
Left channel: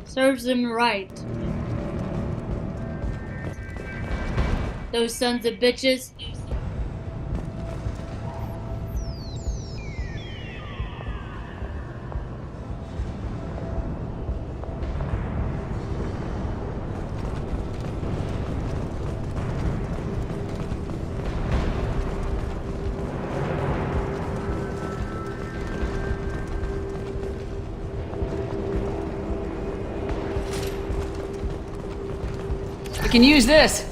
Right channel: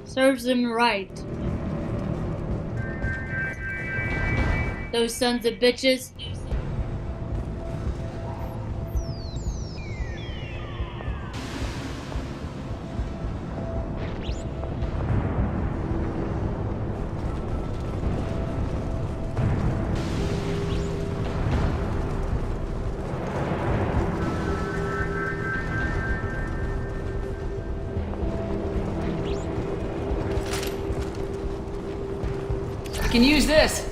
Serves them right. Those sons of bitches. We can use this.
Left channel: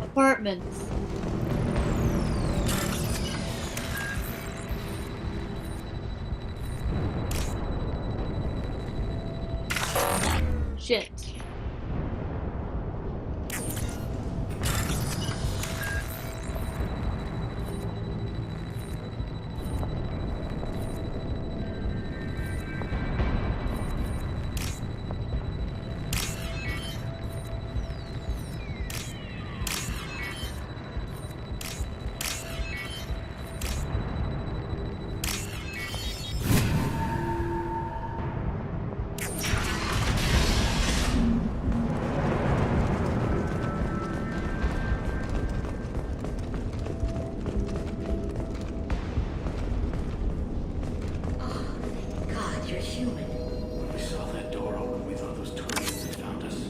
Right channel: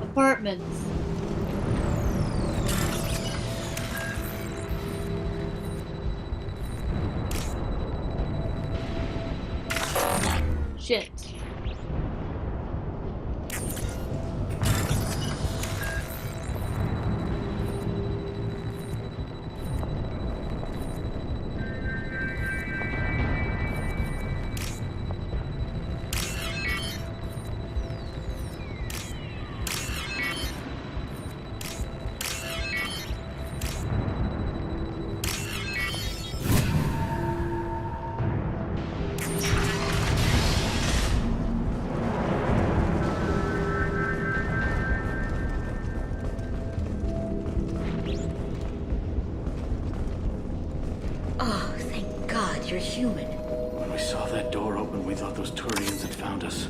Apartments. Shit. human. When we saw that door open, we thought those Turians had found us.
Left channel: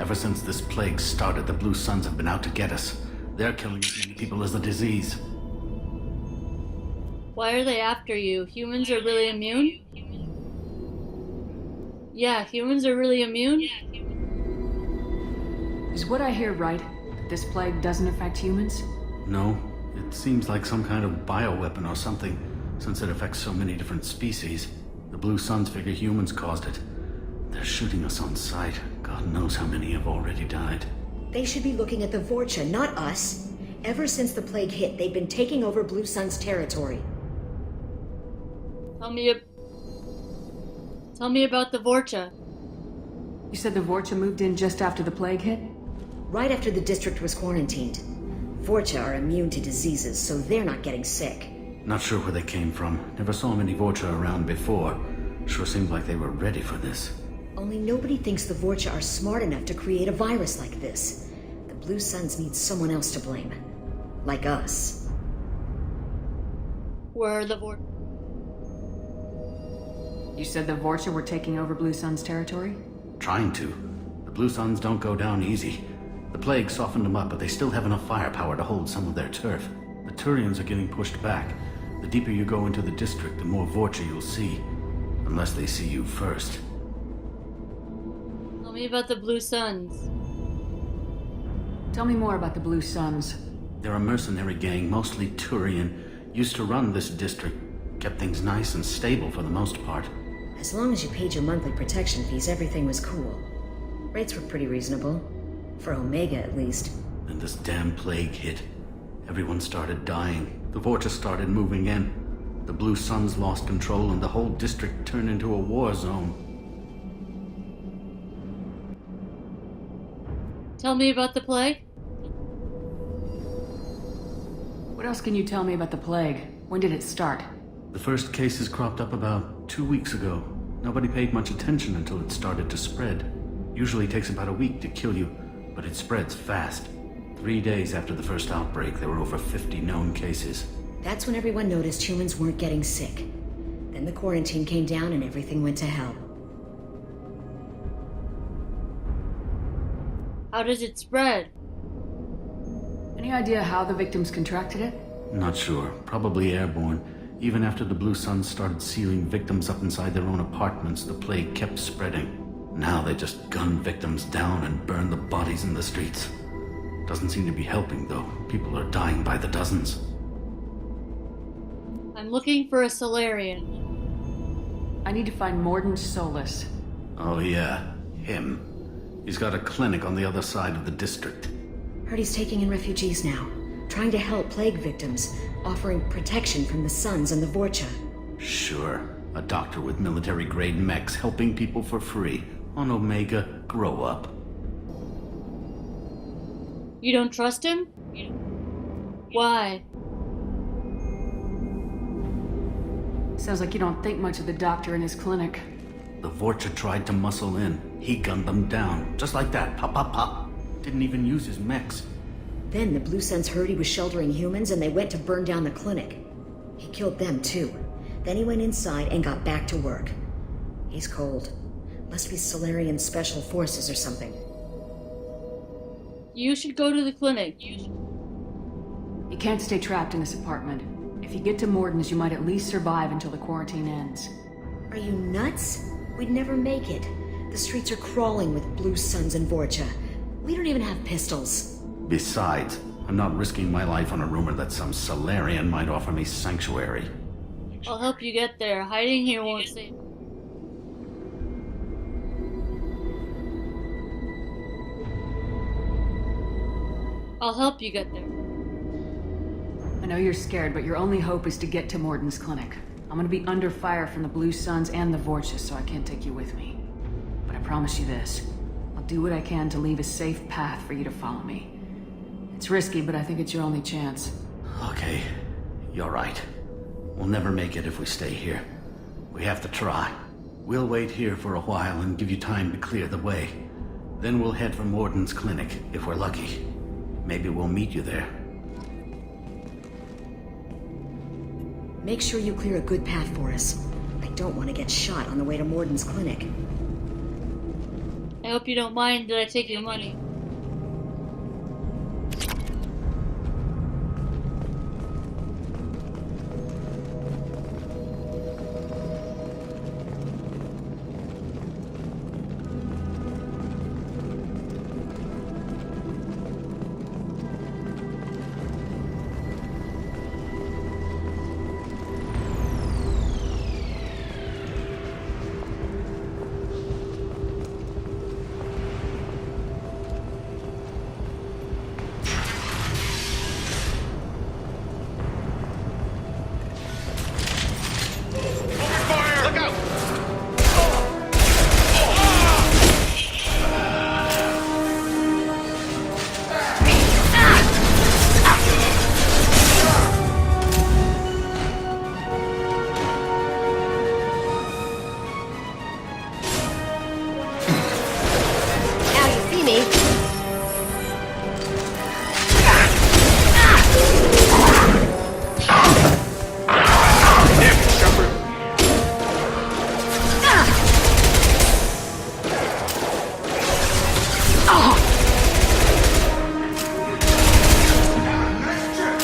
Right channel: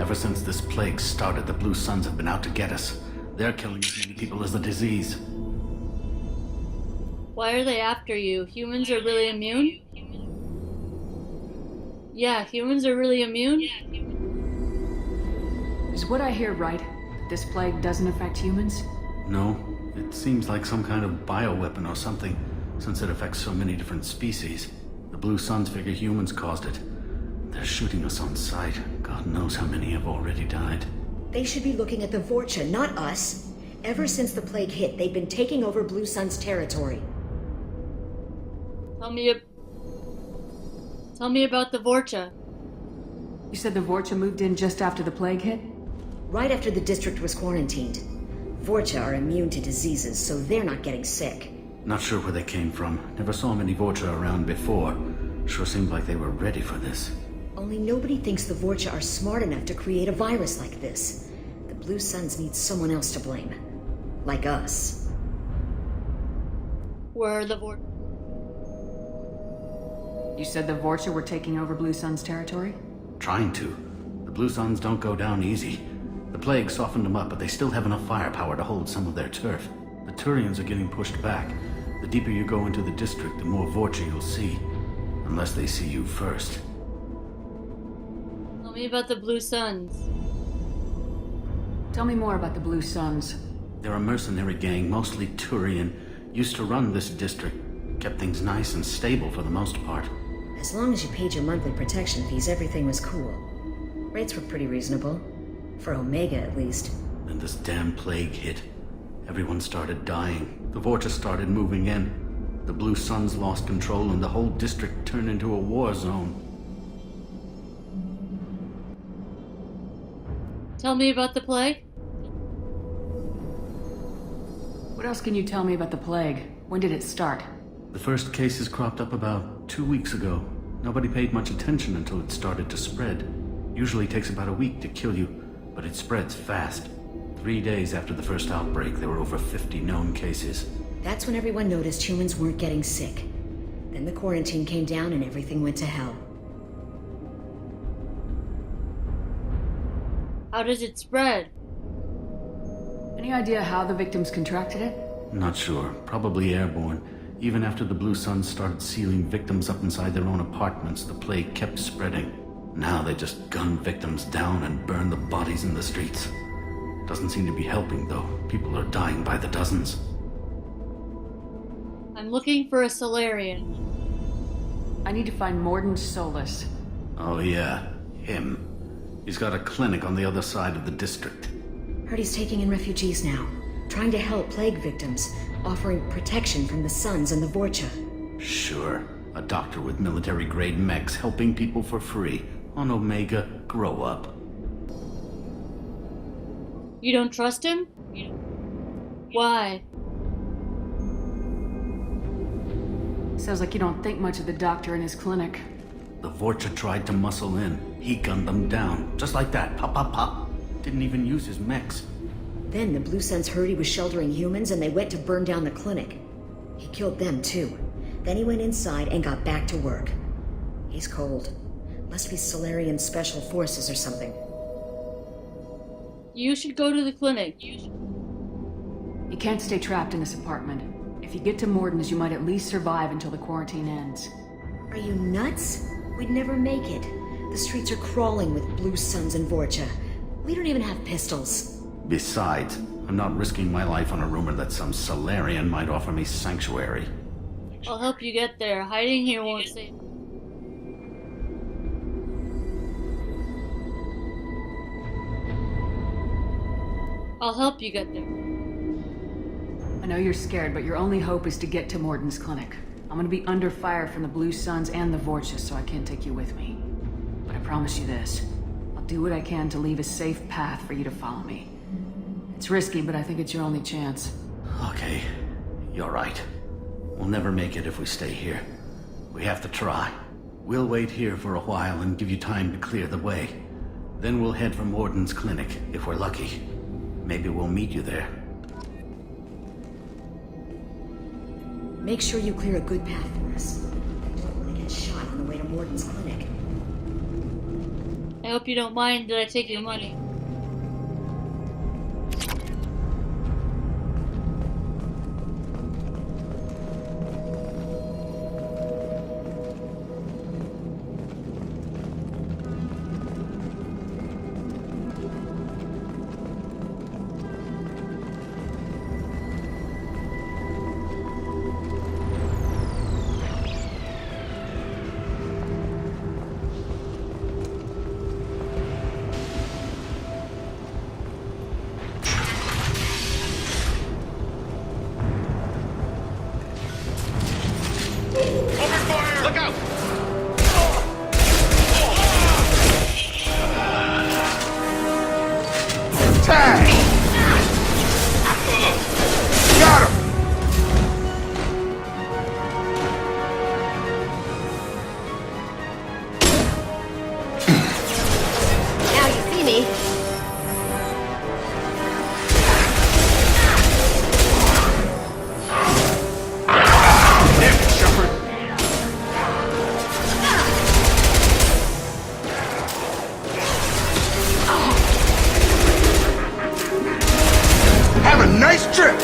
Ever since this plague started, the Blue Suns have been out to get us. They're killing as many people as the disease. Why are they after you? Humans are really immune? Yeah, humans are really immune? Is what I hear right? That this plague doesn't affect humans? No, it seems like some kind of bioweapon or something, since it affects so many different species. The Blue Suns figure humans caused it. They're shooting us on sight. God knows how many have already died. They should be looking at the Vorcha, not us. Ever since the plague hit, they've been taking over Blue Sun's territory. Tell me about the Vorcha. You said the Vorcha moved in just after the plague hit? Right after the district was quarantined. Vorcha are immune to diseases, so they're not getting sick. Not sure where they came from. Never saw many Vorcha around before. Sure seemed like they were ready for this. Only nobody thinks the Vorcha are smart enough to create a virus like this. The Blue Suns need someone else to blame. Like us. Where are the Vorcha? You said the Vorcha were taking over Blue Sun's territory? Trying to. The Blue Suns don't go down easy. The plague softened them up, but they still have enough firepower to hold some of their turf. The Turians are getting pushed back. The deeper you go into the district, the more Vorcha you'll see. Unless they see you first. Tell me about the Blue Suns. Tell me more about the Blue Suns. They're a mercenary gang, mostly Turian. Used to run this district. Kept things nice and stable for the most part. As long as you paid your monthly protection fees, everything was cool. Rates were pretty reasonable. For Omega, at least. Then this damn plague hit. Everyone started dying. The Vorcha started moving in. The Blue Suns lost control and the whole district turned into a war zone. Tell me about the plague. What else can you tell me about the plague? When did it start? The first cases cropped up about 2 weeks ago. Nobody paid much attention until it started to spread. Usually takes about a week to kill you, but it spreads fast. 3 days after the first outbreak, there were over 50 known cases. That's when everyone noticed humans weren't getting sick. Then the quarantine came down and everything went to hell. How does it spread? Any idea how the victims contracted it? Not sure. Probably airborne. Even after the Blue Suns started sealing victims up inside their own apartments, the plague kept spreading. Now they just gun victims down and burn the bodies in the streets. Doesn't seem to be helping, though. People are dying by the dozens. I'm looking for a Solarian. I need to find Morden Solus. Oh yeah, him. He's got a clinic on the other side of the district. Heard he's taking in refugees now. Trying to help plague victims. Offering protection from the Suns and the Vorcha. Sure. A doctor with military-grade mechs helping people for free. On Omega, grow up. You don't trust him? Why? Sounds like you don't think much of the doctor in his clinic. The Vorcha tried to muscle in. He gunned them down. Just like that. Pop, pop, pop. Didn't even use his mechs. Then the Blue Suns heard he was sheltering humans and they went to burn down the clinic. He killed them too. Then he went inside and got back to work. He's cold. Must be Solarian Special Forces or something. You should go to the clinic. You can't stay trapped in this apartment. If you get to Morden's, you might at least survive until the quarantine ends. Are you nuts? We'd never make it. The streets are crawling with Blue Suns and Vorcha. We don't even have pistols. Besides, I'm not risking my life on a rumor that some Solarian might offer me sanctuary. I'll help you get there. Hiding here won't save. I'll help you get there. I know you're scared, but your only hope is to get to Morden's clinic. I'm gonna be under fire from the Blue Suns and the Vorcha, so I can't take you with me. But I promise you this. I'll do what I can to leave a safe path for you to follow me. It's risky, but I think it's your only chance. Okay, you're right. We'll never make it if we stay here. We have to try. We'll wait here for a while and give you time to clear the way. Then we'll head for Morden's clinic, if we're lucky. Maybe we'll meet you there. Make sure you clear a good path for us. I don't want to get shot on the way to Morden's clinic. I hope you don't mind that I take your money. Look out! Tag! Got him! Damn it, Shepard! Have a nice trip!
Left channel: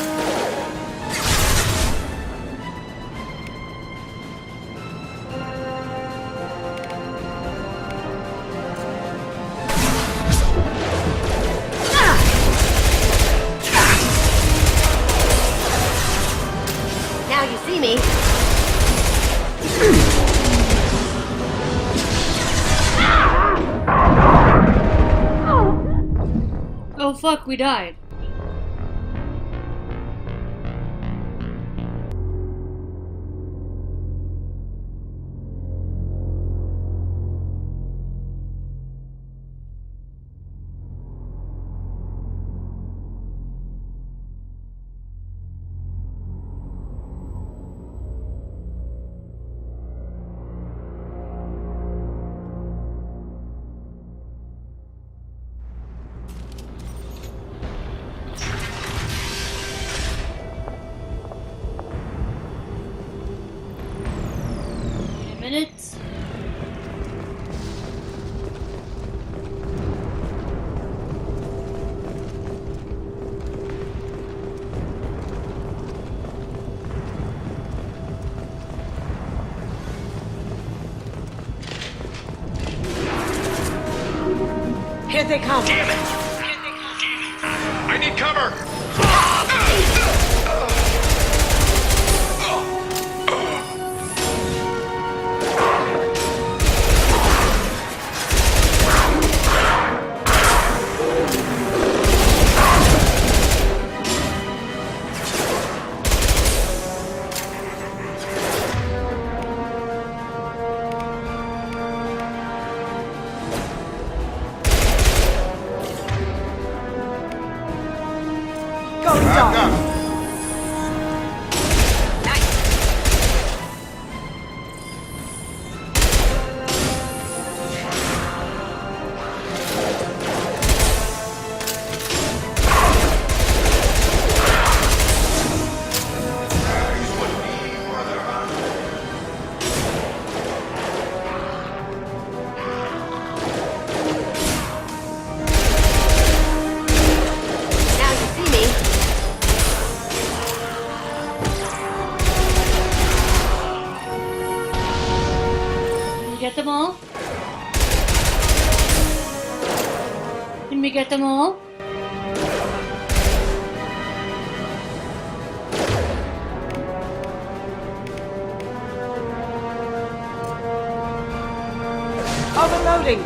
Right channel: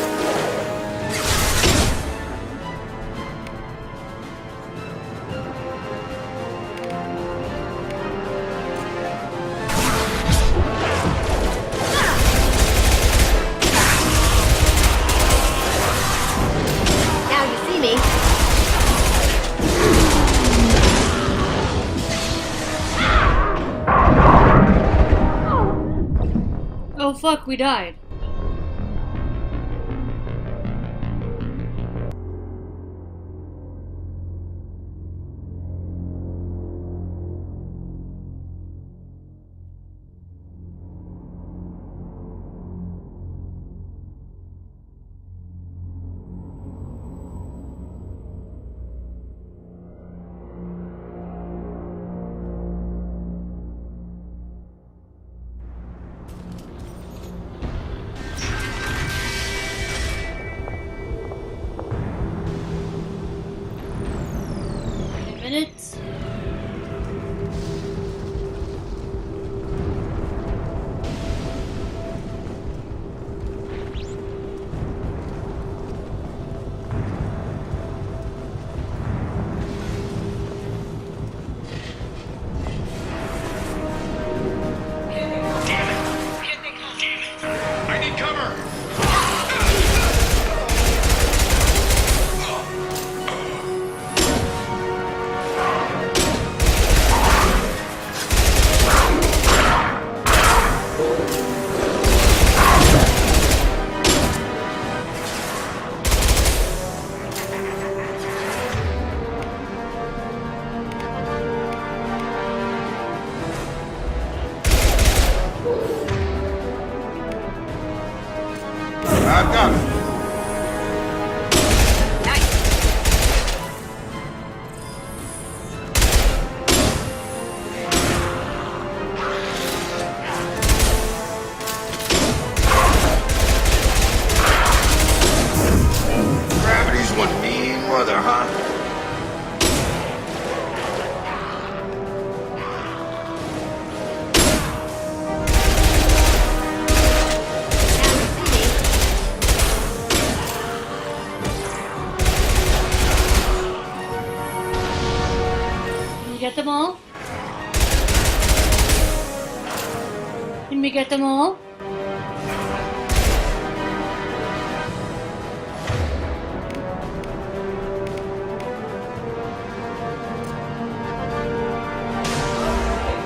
Oh fuck, we died. Wait a minute. Here they come. Damn it! I need cover! Going dark. Gravity's what being mother, huh? Now you see me. Can we get them all? Can we get them all? Overloading.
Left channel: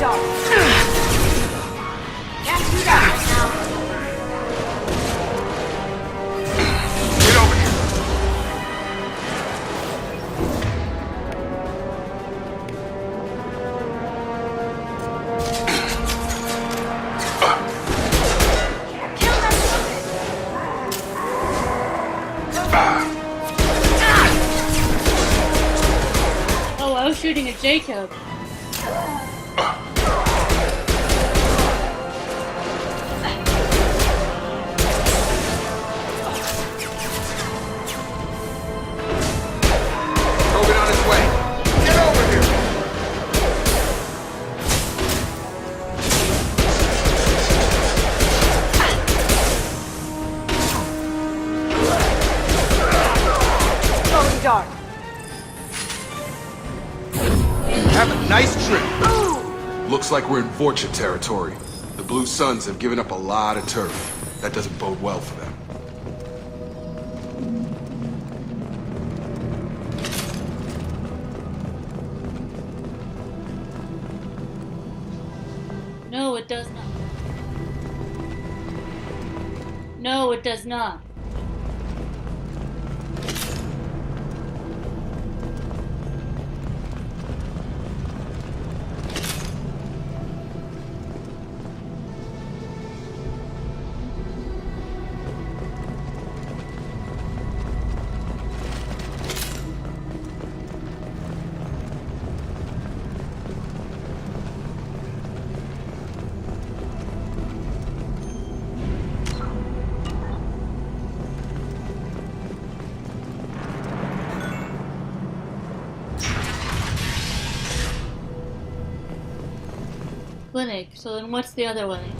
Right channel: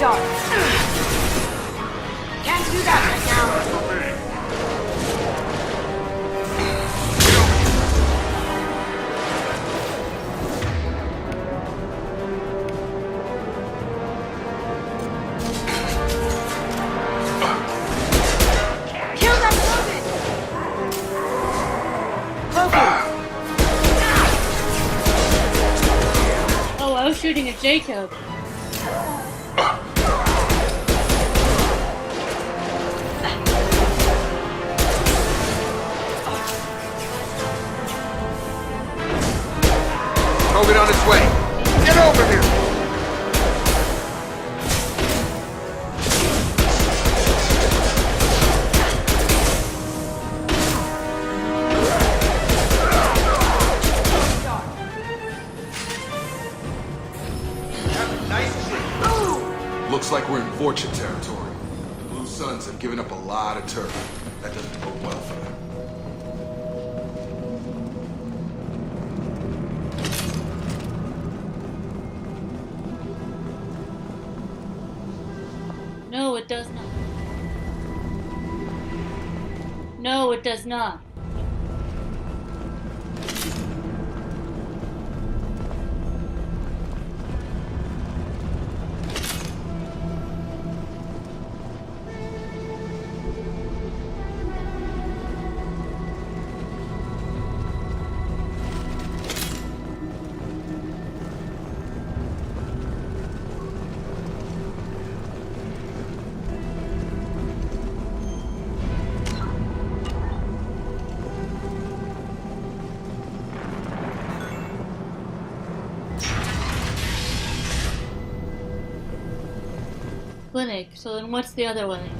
dog. Can't do that right now. Oh, I was shooting at Jacob. Robot on its way. Get over here! Going dark. Have a nice trip. Looks like we're in Vorcha territory. The Blue Suns have given up a lot of turf. That doesn't bode well for them. No, it does not. No, it does not. Clinic, so then what's the other way?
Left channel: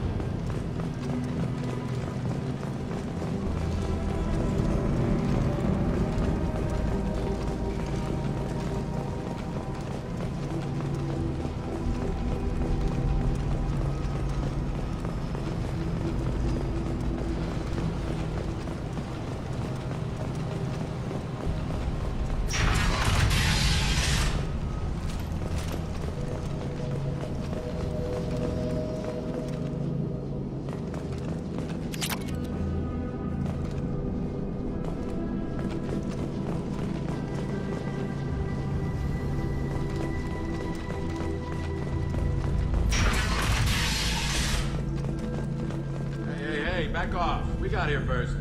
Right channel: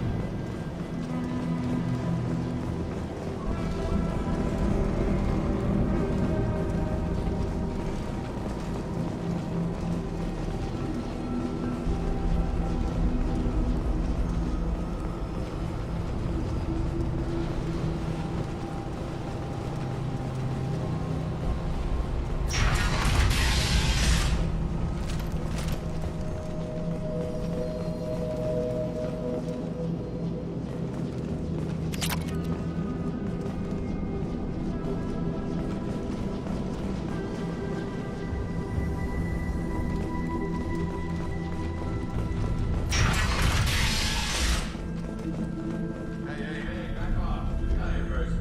Hey, back off. We got here first.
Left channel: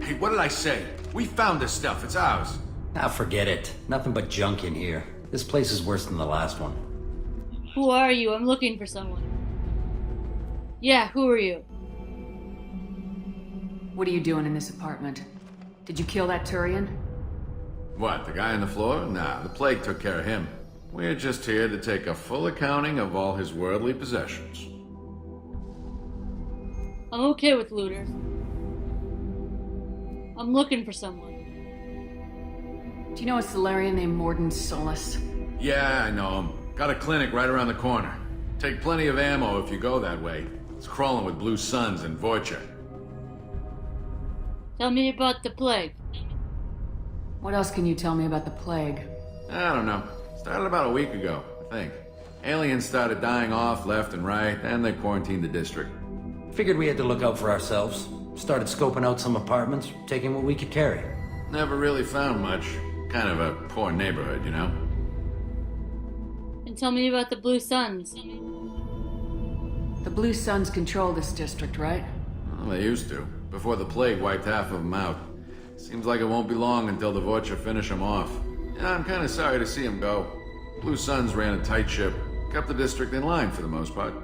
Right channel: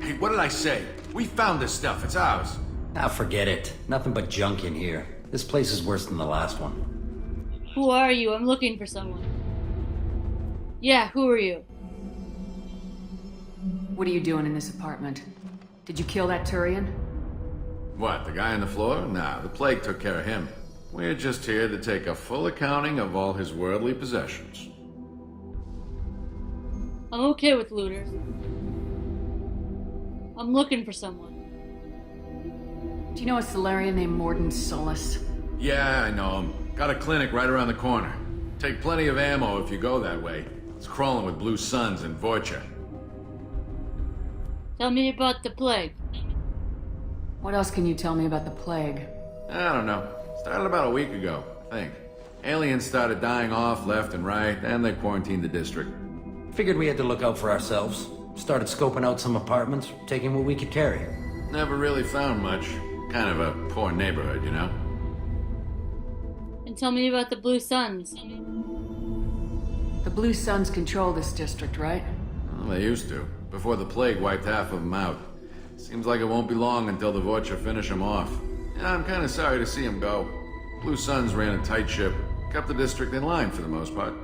Hey, what did I say? We found this stuff. It's ours. Ah, forget it. Nothing but junk in here. This place is worse than the last one. Who are you? I'm looking for someone. Yeah, who are you? What are you doing in this apartment? Did you kill that Turian? What, the guy on the floor? Nah, the plague took care of him. We're just here to take a full accounting of all his worldly possessions. I'm okay with looters. I'm looking for someone. Do you know a Solarian named Morden Solus? Yeah, I know him. Got a clinic right around the corner. Take plenty of ammo if you go that way. It's crawling with Blue Suns and Vorcha. Tell me about the plague. What else can you tell me about the plague? I don't know. Started about a week ago, I think. Aliens started dying off left and right, and they quarantined the district. Figured we had to look out for ourselves. Started scoping out some apartments, taking what we could carry. Never really found much. Kind of a poor neighborhood, you know? And tell me about the Blue Suns. The Blue Suns control this district, right? Well, they used to, before the plague wiped half of them out. Seems like it won't be long until the Vorcha finish them off. Yeah, I'm kind of sorry to see them go. Blue Suns ran a tight ship, kept the district in line for the most part.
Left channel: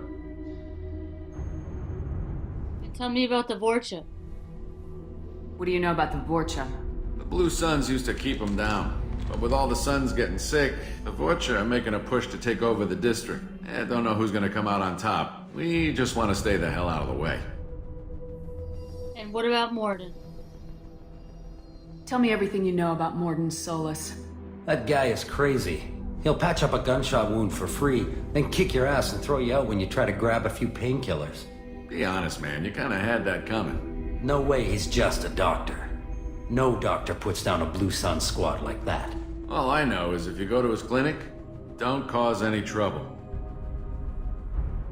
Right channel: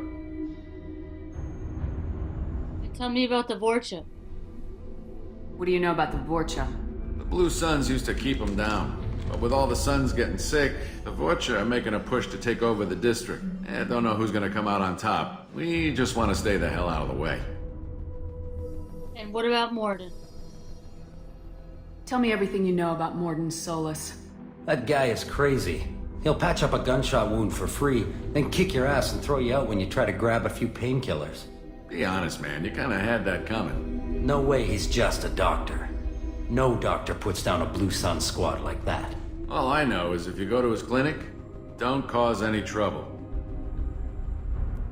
And tell me about the Vorcha. What do you know about the Vorcha? The Blue Suns used to keep them down. But with all the Suns getting sick, the Vorcha are making a push to take over the district. Don't know who's gonna come out on top. We just want to stay the hell out of the way. And what about Morden? Tell me everything you know about Morden Solus. That guy is crazy. He'll patch up a gunshot wound for free, then kick your ass and throw you out when you try to grab a few painkillers. Be honest, man. You kind of had that coming. No way he's just a doctor. No doctor puts down a Blue Sun squad like that. All I know is if you go to his clinic, don't cause any trouble.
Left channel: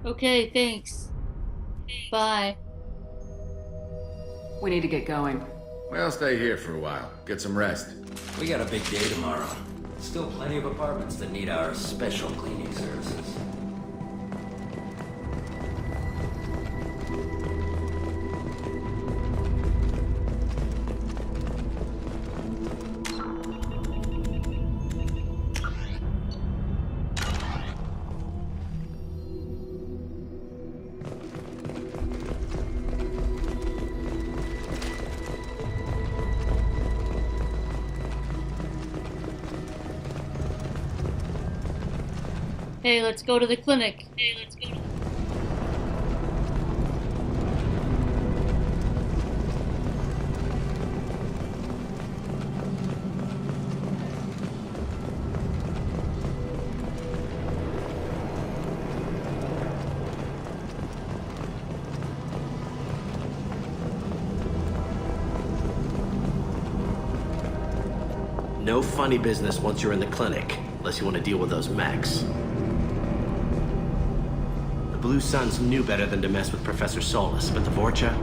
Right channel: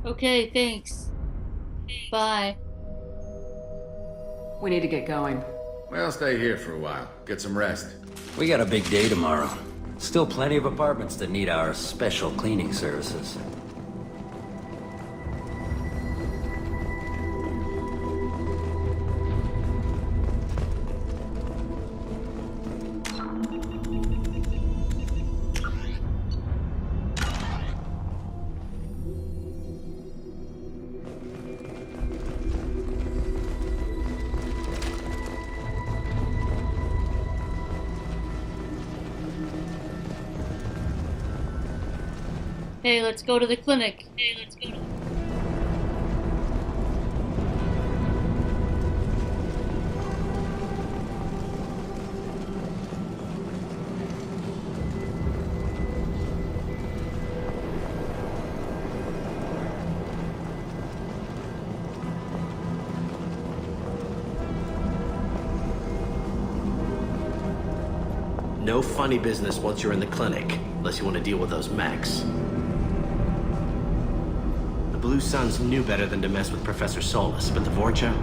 Okay, thanks. Bye. We need to get going. Well, stay here for a while. Get some rest. We got a big day tomorrow. Still plenty of apartments that need our special cleaning services. Hey, let's go to the clinic. No funny business once you're in the clinic, unless you want to deal with those mechs. The Blue Suns knew better than to mess with Professor Solus, but the Vorcha,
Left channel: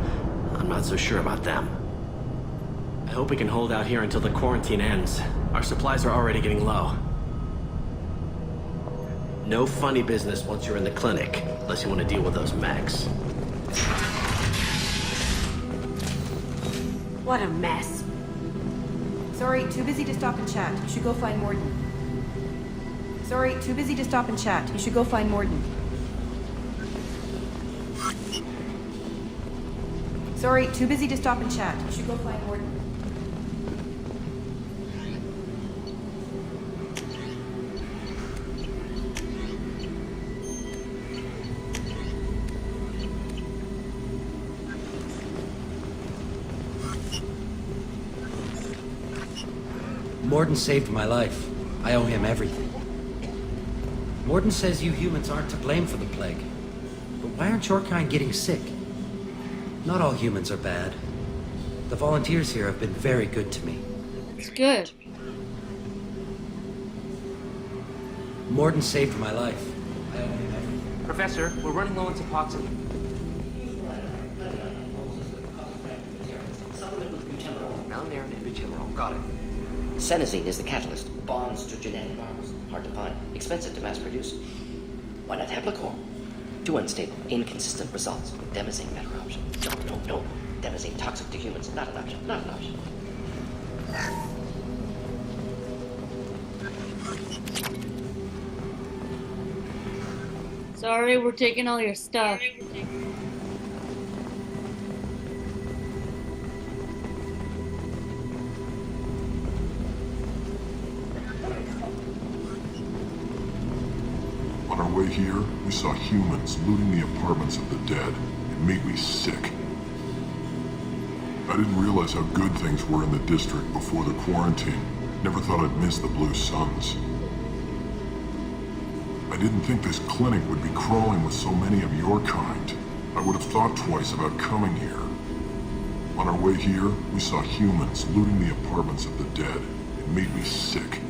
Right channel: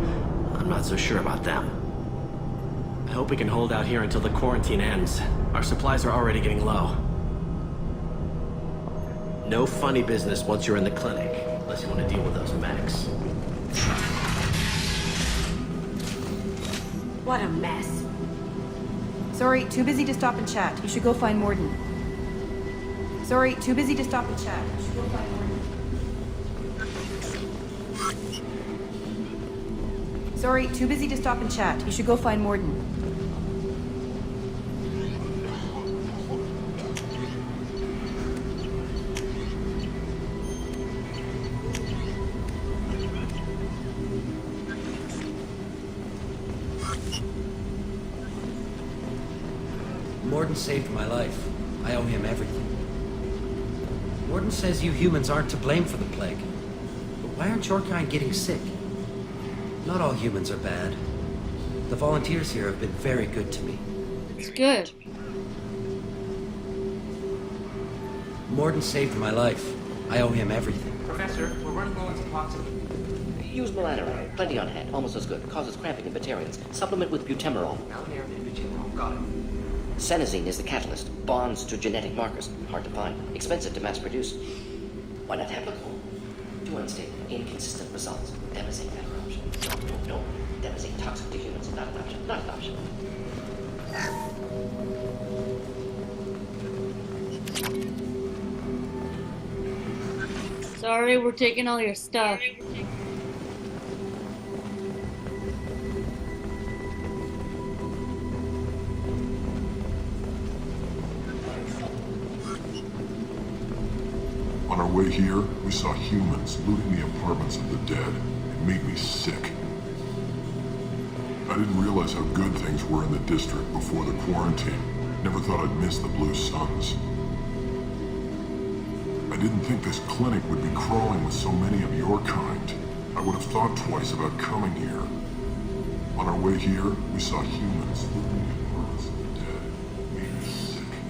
I'm not so sure about them. I hope we can hold out here until the quarantine ends. Our supplies are already getting low. No funny business once you're in the clinic, unless you want to deal with those mechs. Sorry, too busy to stop and chat. You should go find Morden. Sorry, too busy to stop and chat. You should go find Morden. Sorry, too busy to stop and chat. You should go find Morden. Morden saved my life. I owe him everything. Morden says you humans aren't to blame for the plague. But why aren't your kind getting sick? Not all humans are bad. The volunteers here have been very good to me. It's good. Morden saved my life. I owe him everything. Professor, we're running low on toxin. Use melanoram. Plenty on hand. Almost as good. Causes cramping in Batarians. Supplement with butemerol. Bonds to genetic markers. Hard to find. Expensive to mass produce. Why not Heplicor? Too unstable. Inconsistent results. Devastating outcomes. No, that is a toxic to humans. Not Sorry, we're taking all your stuff. On our way here, we saw humans looting the apartments of the dead. It made me sick. I didn't realize how good things were in the district before the quarantine. Never thought I'd miss the Blue Suns. I didn't think this clinic would be crawling with so many of your kind. I would have thought twice about coming here. On our way here, we saw humans looting the apartments of the dead. It made me sick.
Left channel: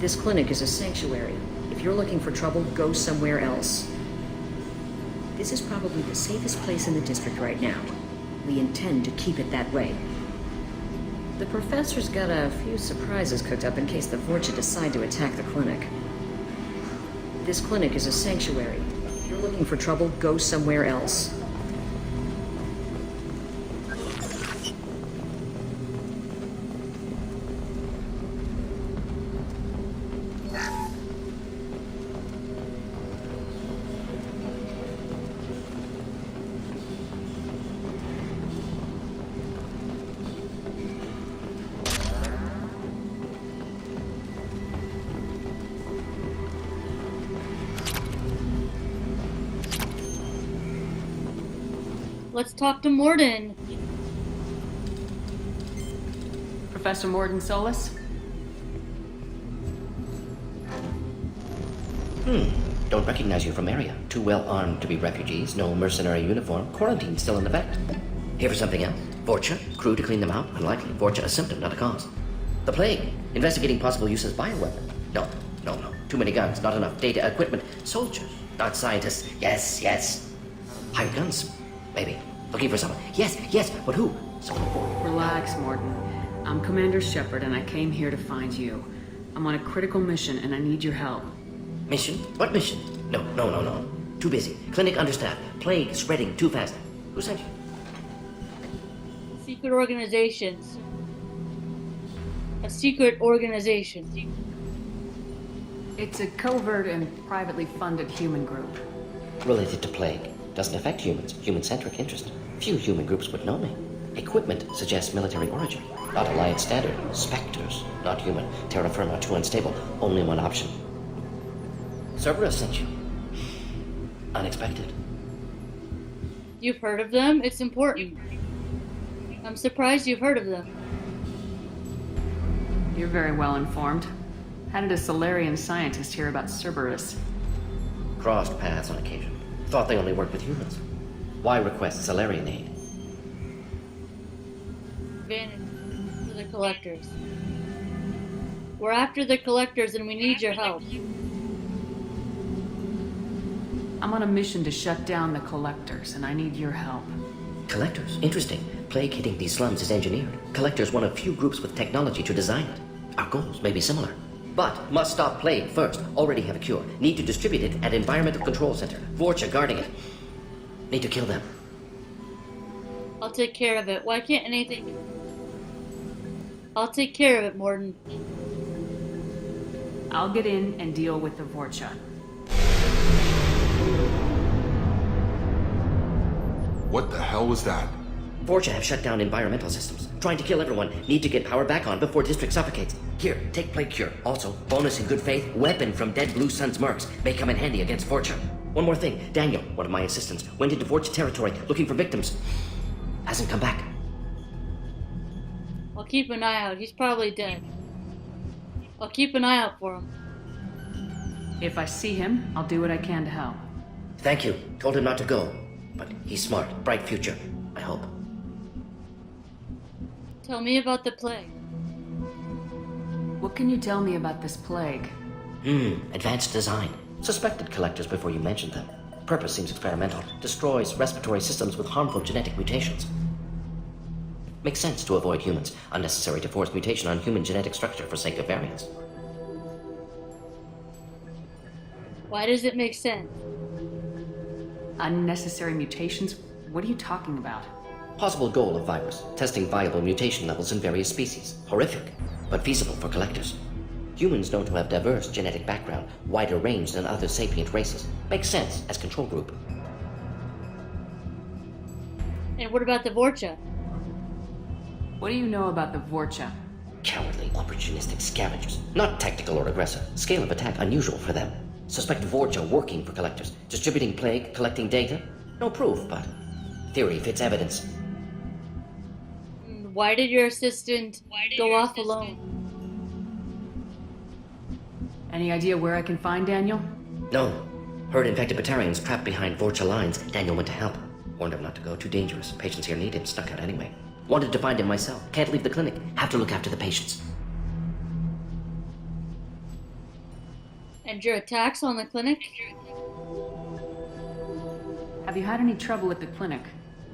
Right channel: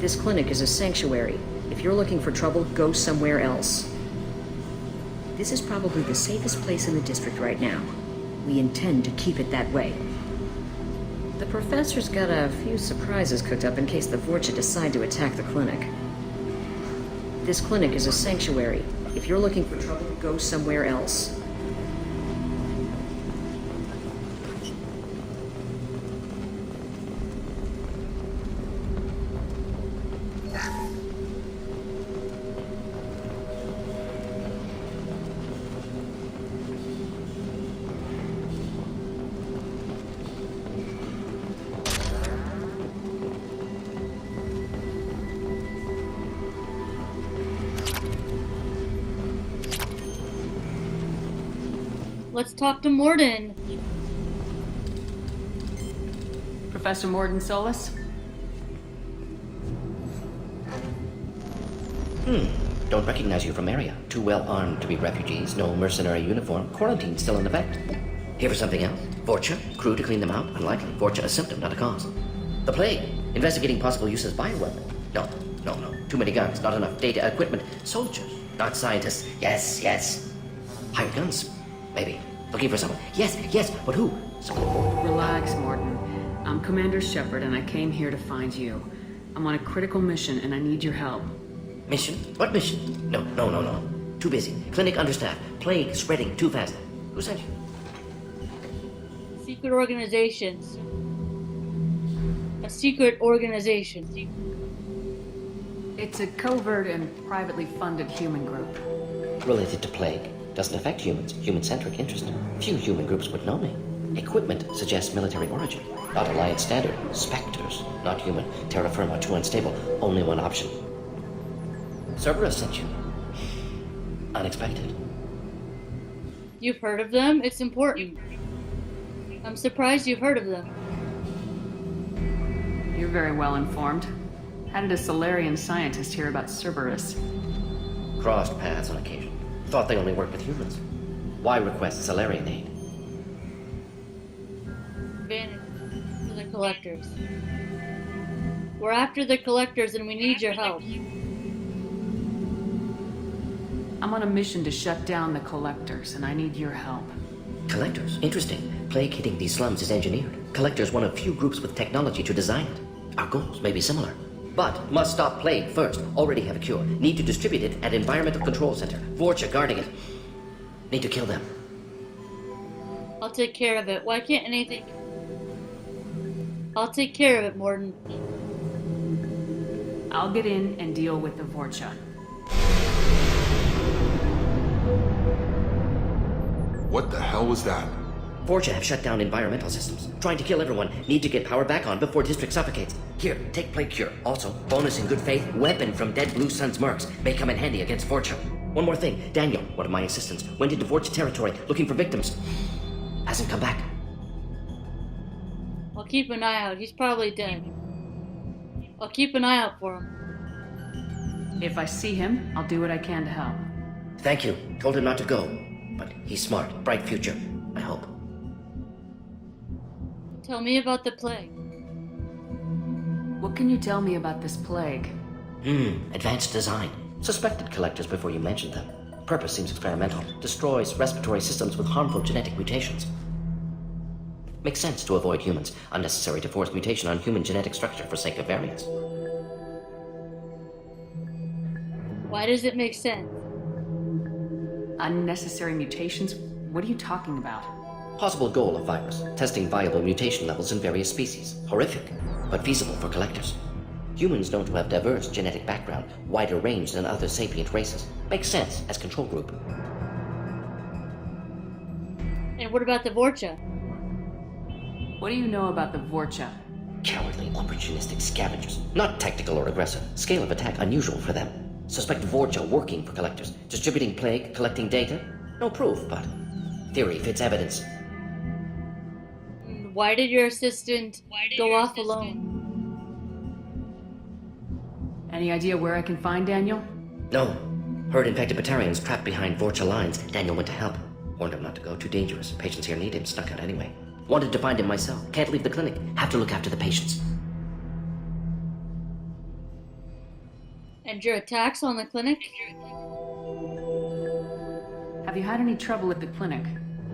This clinic is a sanctuary. If you're looking for trouble, go somewhere else. This is probably the safest place in the district right now. We intend to keep it that way. The professor's got a few surprises cooked up in case the Vorcha decide to attack the clinic. This clinic is a sanctuary. If you're looking for trouble, go somewhere else. Let's talk to Morden. Professor Morden Solus? Don't recognize you from area. Too well armed to be refugees. No mercenary uniform. Quarantine still in effect. Here for something else? Vorcha? Crew to clean them out? Unlikely. Vorcha a symptom, not a cause. The plague. Investigating possible use as bioweapon. No. Too many guns, not enough data, equipment. Soldiers, not scientists. Yes. Hired guns, maybe. Looking for someone. Yes, but who? Someone important. Relax, Morton. I'm Commander Shepard, and I came here to find you. I'm on a critical mission, and I need your help. Mission? What mission? No. Too busy. Clinic understaffed. Plague spreading too fast. Who sent you? Secret organizations. A secret organization. It's a covert and privately funded human group. Related to plague. Doesn't affect humans. Human-centric interest. Few human groups would know me. Equipment suggests military origin. Not Alliance standard. Spectres. Not human. Terra firma. Too unstable. Only one option. Cerberus sent you. Unexpected. You've heard of them? It's important. I'm surprised you've heard of them. You're very well informed. How did a Solarian scientist hear about Cerberus? Crossed paths on occasion. Thought they only worked with humans. Why request Solarian aid? Vanity for the Collectors. We're after the Collectors and we need your help. I'm on a mission to shut down the Collectors, and I need your help. Collectors? Interesting. Plague hitting these slums is engineered. Collectors one of few groups with technology to design it. Our goals may be similar. But must stop plague first. Already have a cure. Need to distribute it at Environmental Control Center. Vorcha guarding it. Need to kill them. I'll take care of it. Why can't anything... I'll take care of it, Morton. I'll get in and deal with the Vorcha. What the hell was that? Vorcha have shut down environmental systems. Trying to kill everyone. Need to get power back on before district suffocates. Here, take plague cure. Also, bonus in good faith, weapon from dead Blue Sun's mercs. May come in handy against Vorcha. One more thing. Daniel, one of my assistants, went into Vorcha territory looking for victims. Hasn't come back. I'll keep an eye out. He's probably dead. I'll keep an eye out for him. If I see him, I'll do what I can to help. Thank you. Told him not to go. But he's smart. Bright future. I hope. Tell me about the plague. What can you tell me about this plague? Advanced design. Suspected collectors before you mentioned them. Purpose seems experimental. Destroys respiratory systems with harmful genetic mutations. Makes sense to avoid humans. Unnecessary to force mutation on human genetic structure for sake of variance. Why does it make sense? Unnecessary mutations? What are you talking about? Possible goal of virus. Testing viable mutation levels in various species. Horrific, but feasible for collectors. Humans known to have diverse genetic background, wider range than other sapient races. Makes sense as control group. And what about the Vorcha? What do you know about the Vorcha? Cowardly, opportunistic scavengers. Not tactical or aggressive. Scale of attack unusual for them. Suspect Vorcha working for collectors. Distributing plague, collecting data. No proof, but theory fits evidence. Why did your assistant go off alone? Any idea where I can find Daniel? No. Heard infected Batarians trapped behind Vorcha lines. Daniel went to help. Warned him not to go. Too dangerous. Patients here need him. Snuck out anyway. Wanted to find him myself. Can't leave the clinic. Have to look after the patients. And your attacks on the clinic? Have you had any trouble at the clinic?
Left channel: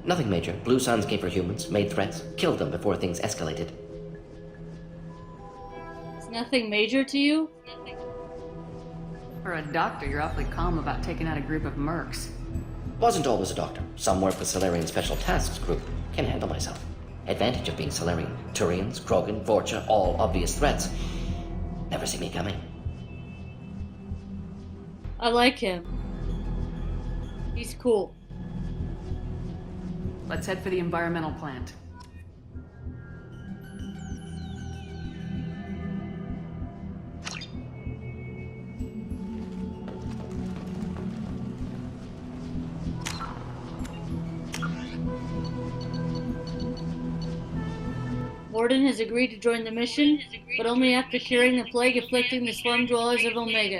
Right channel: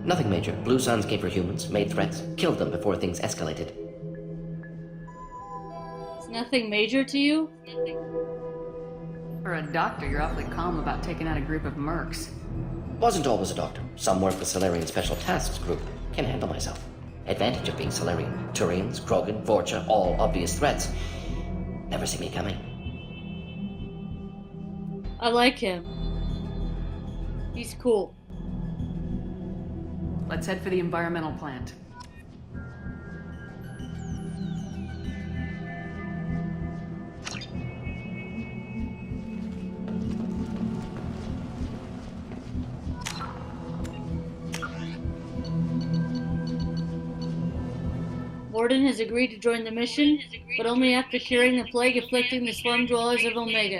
Nothing major. Blue Suns came for humans, made threats, killed them before things escalated. It's nothing major to you? For a doctor, you're awfully calm about taking out a group of mercs. Wasn't always a doctor. Some work with Solarian Special Tasks Group. Can handle myself. Advantage of being Solarian. Turians, Krogan, Vorcha, all obvious threats. Never see me coming. I like him. He's cool. Let's head for the environmental plant. Morden has agreed to join the mission, but only after curing the plague afflicting the slum dwellers of Omega.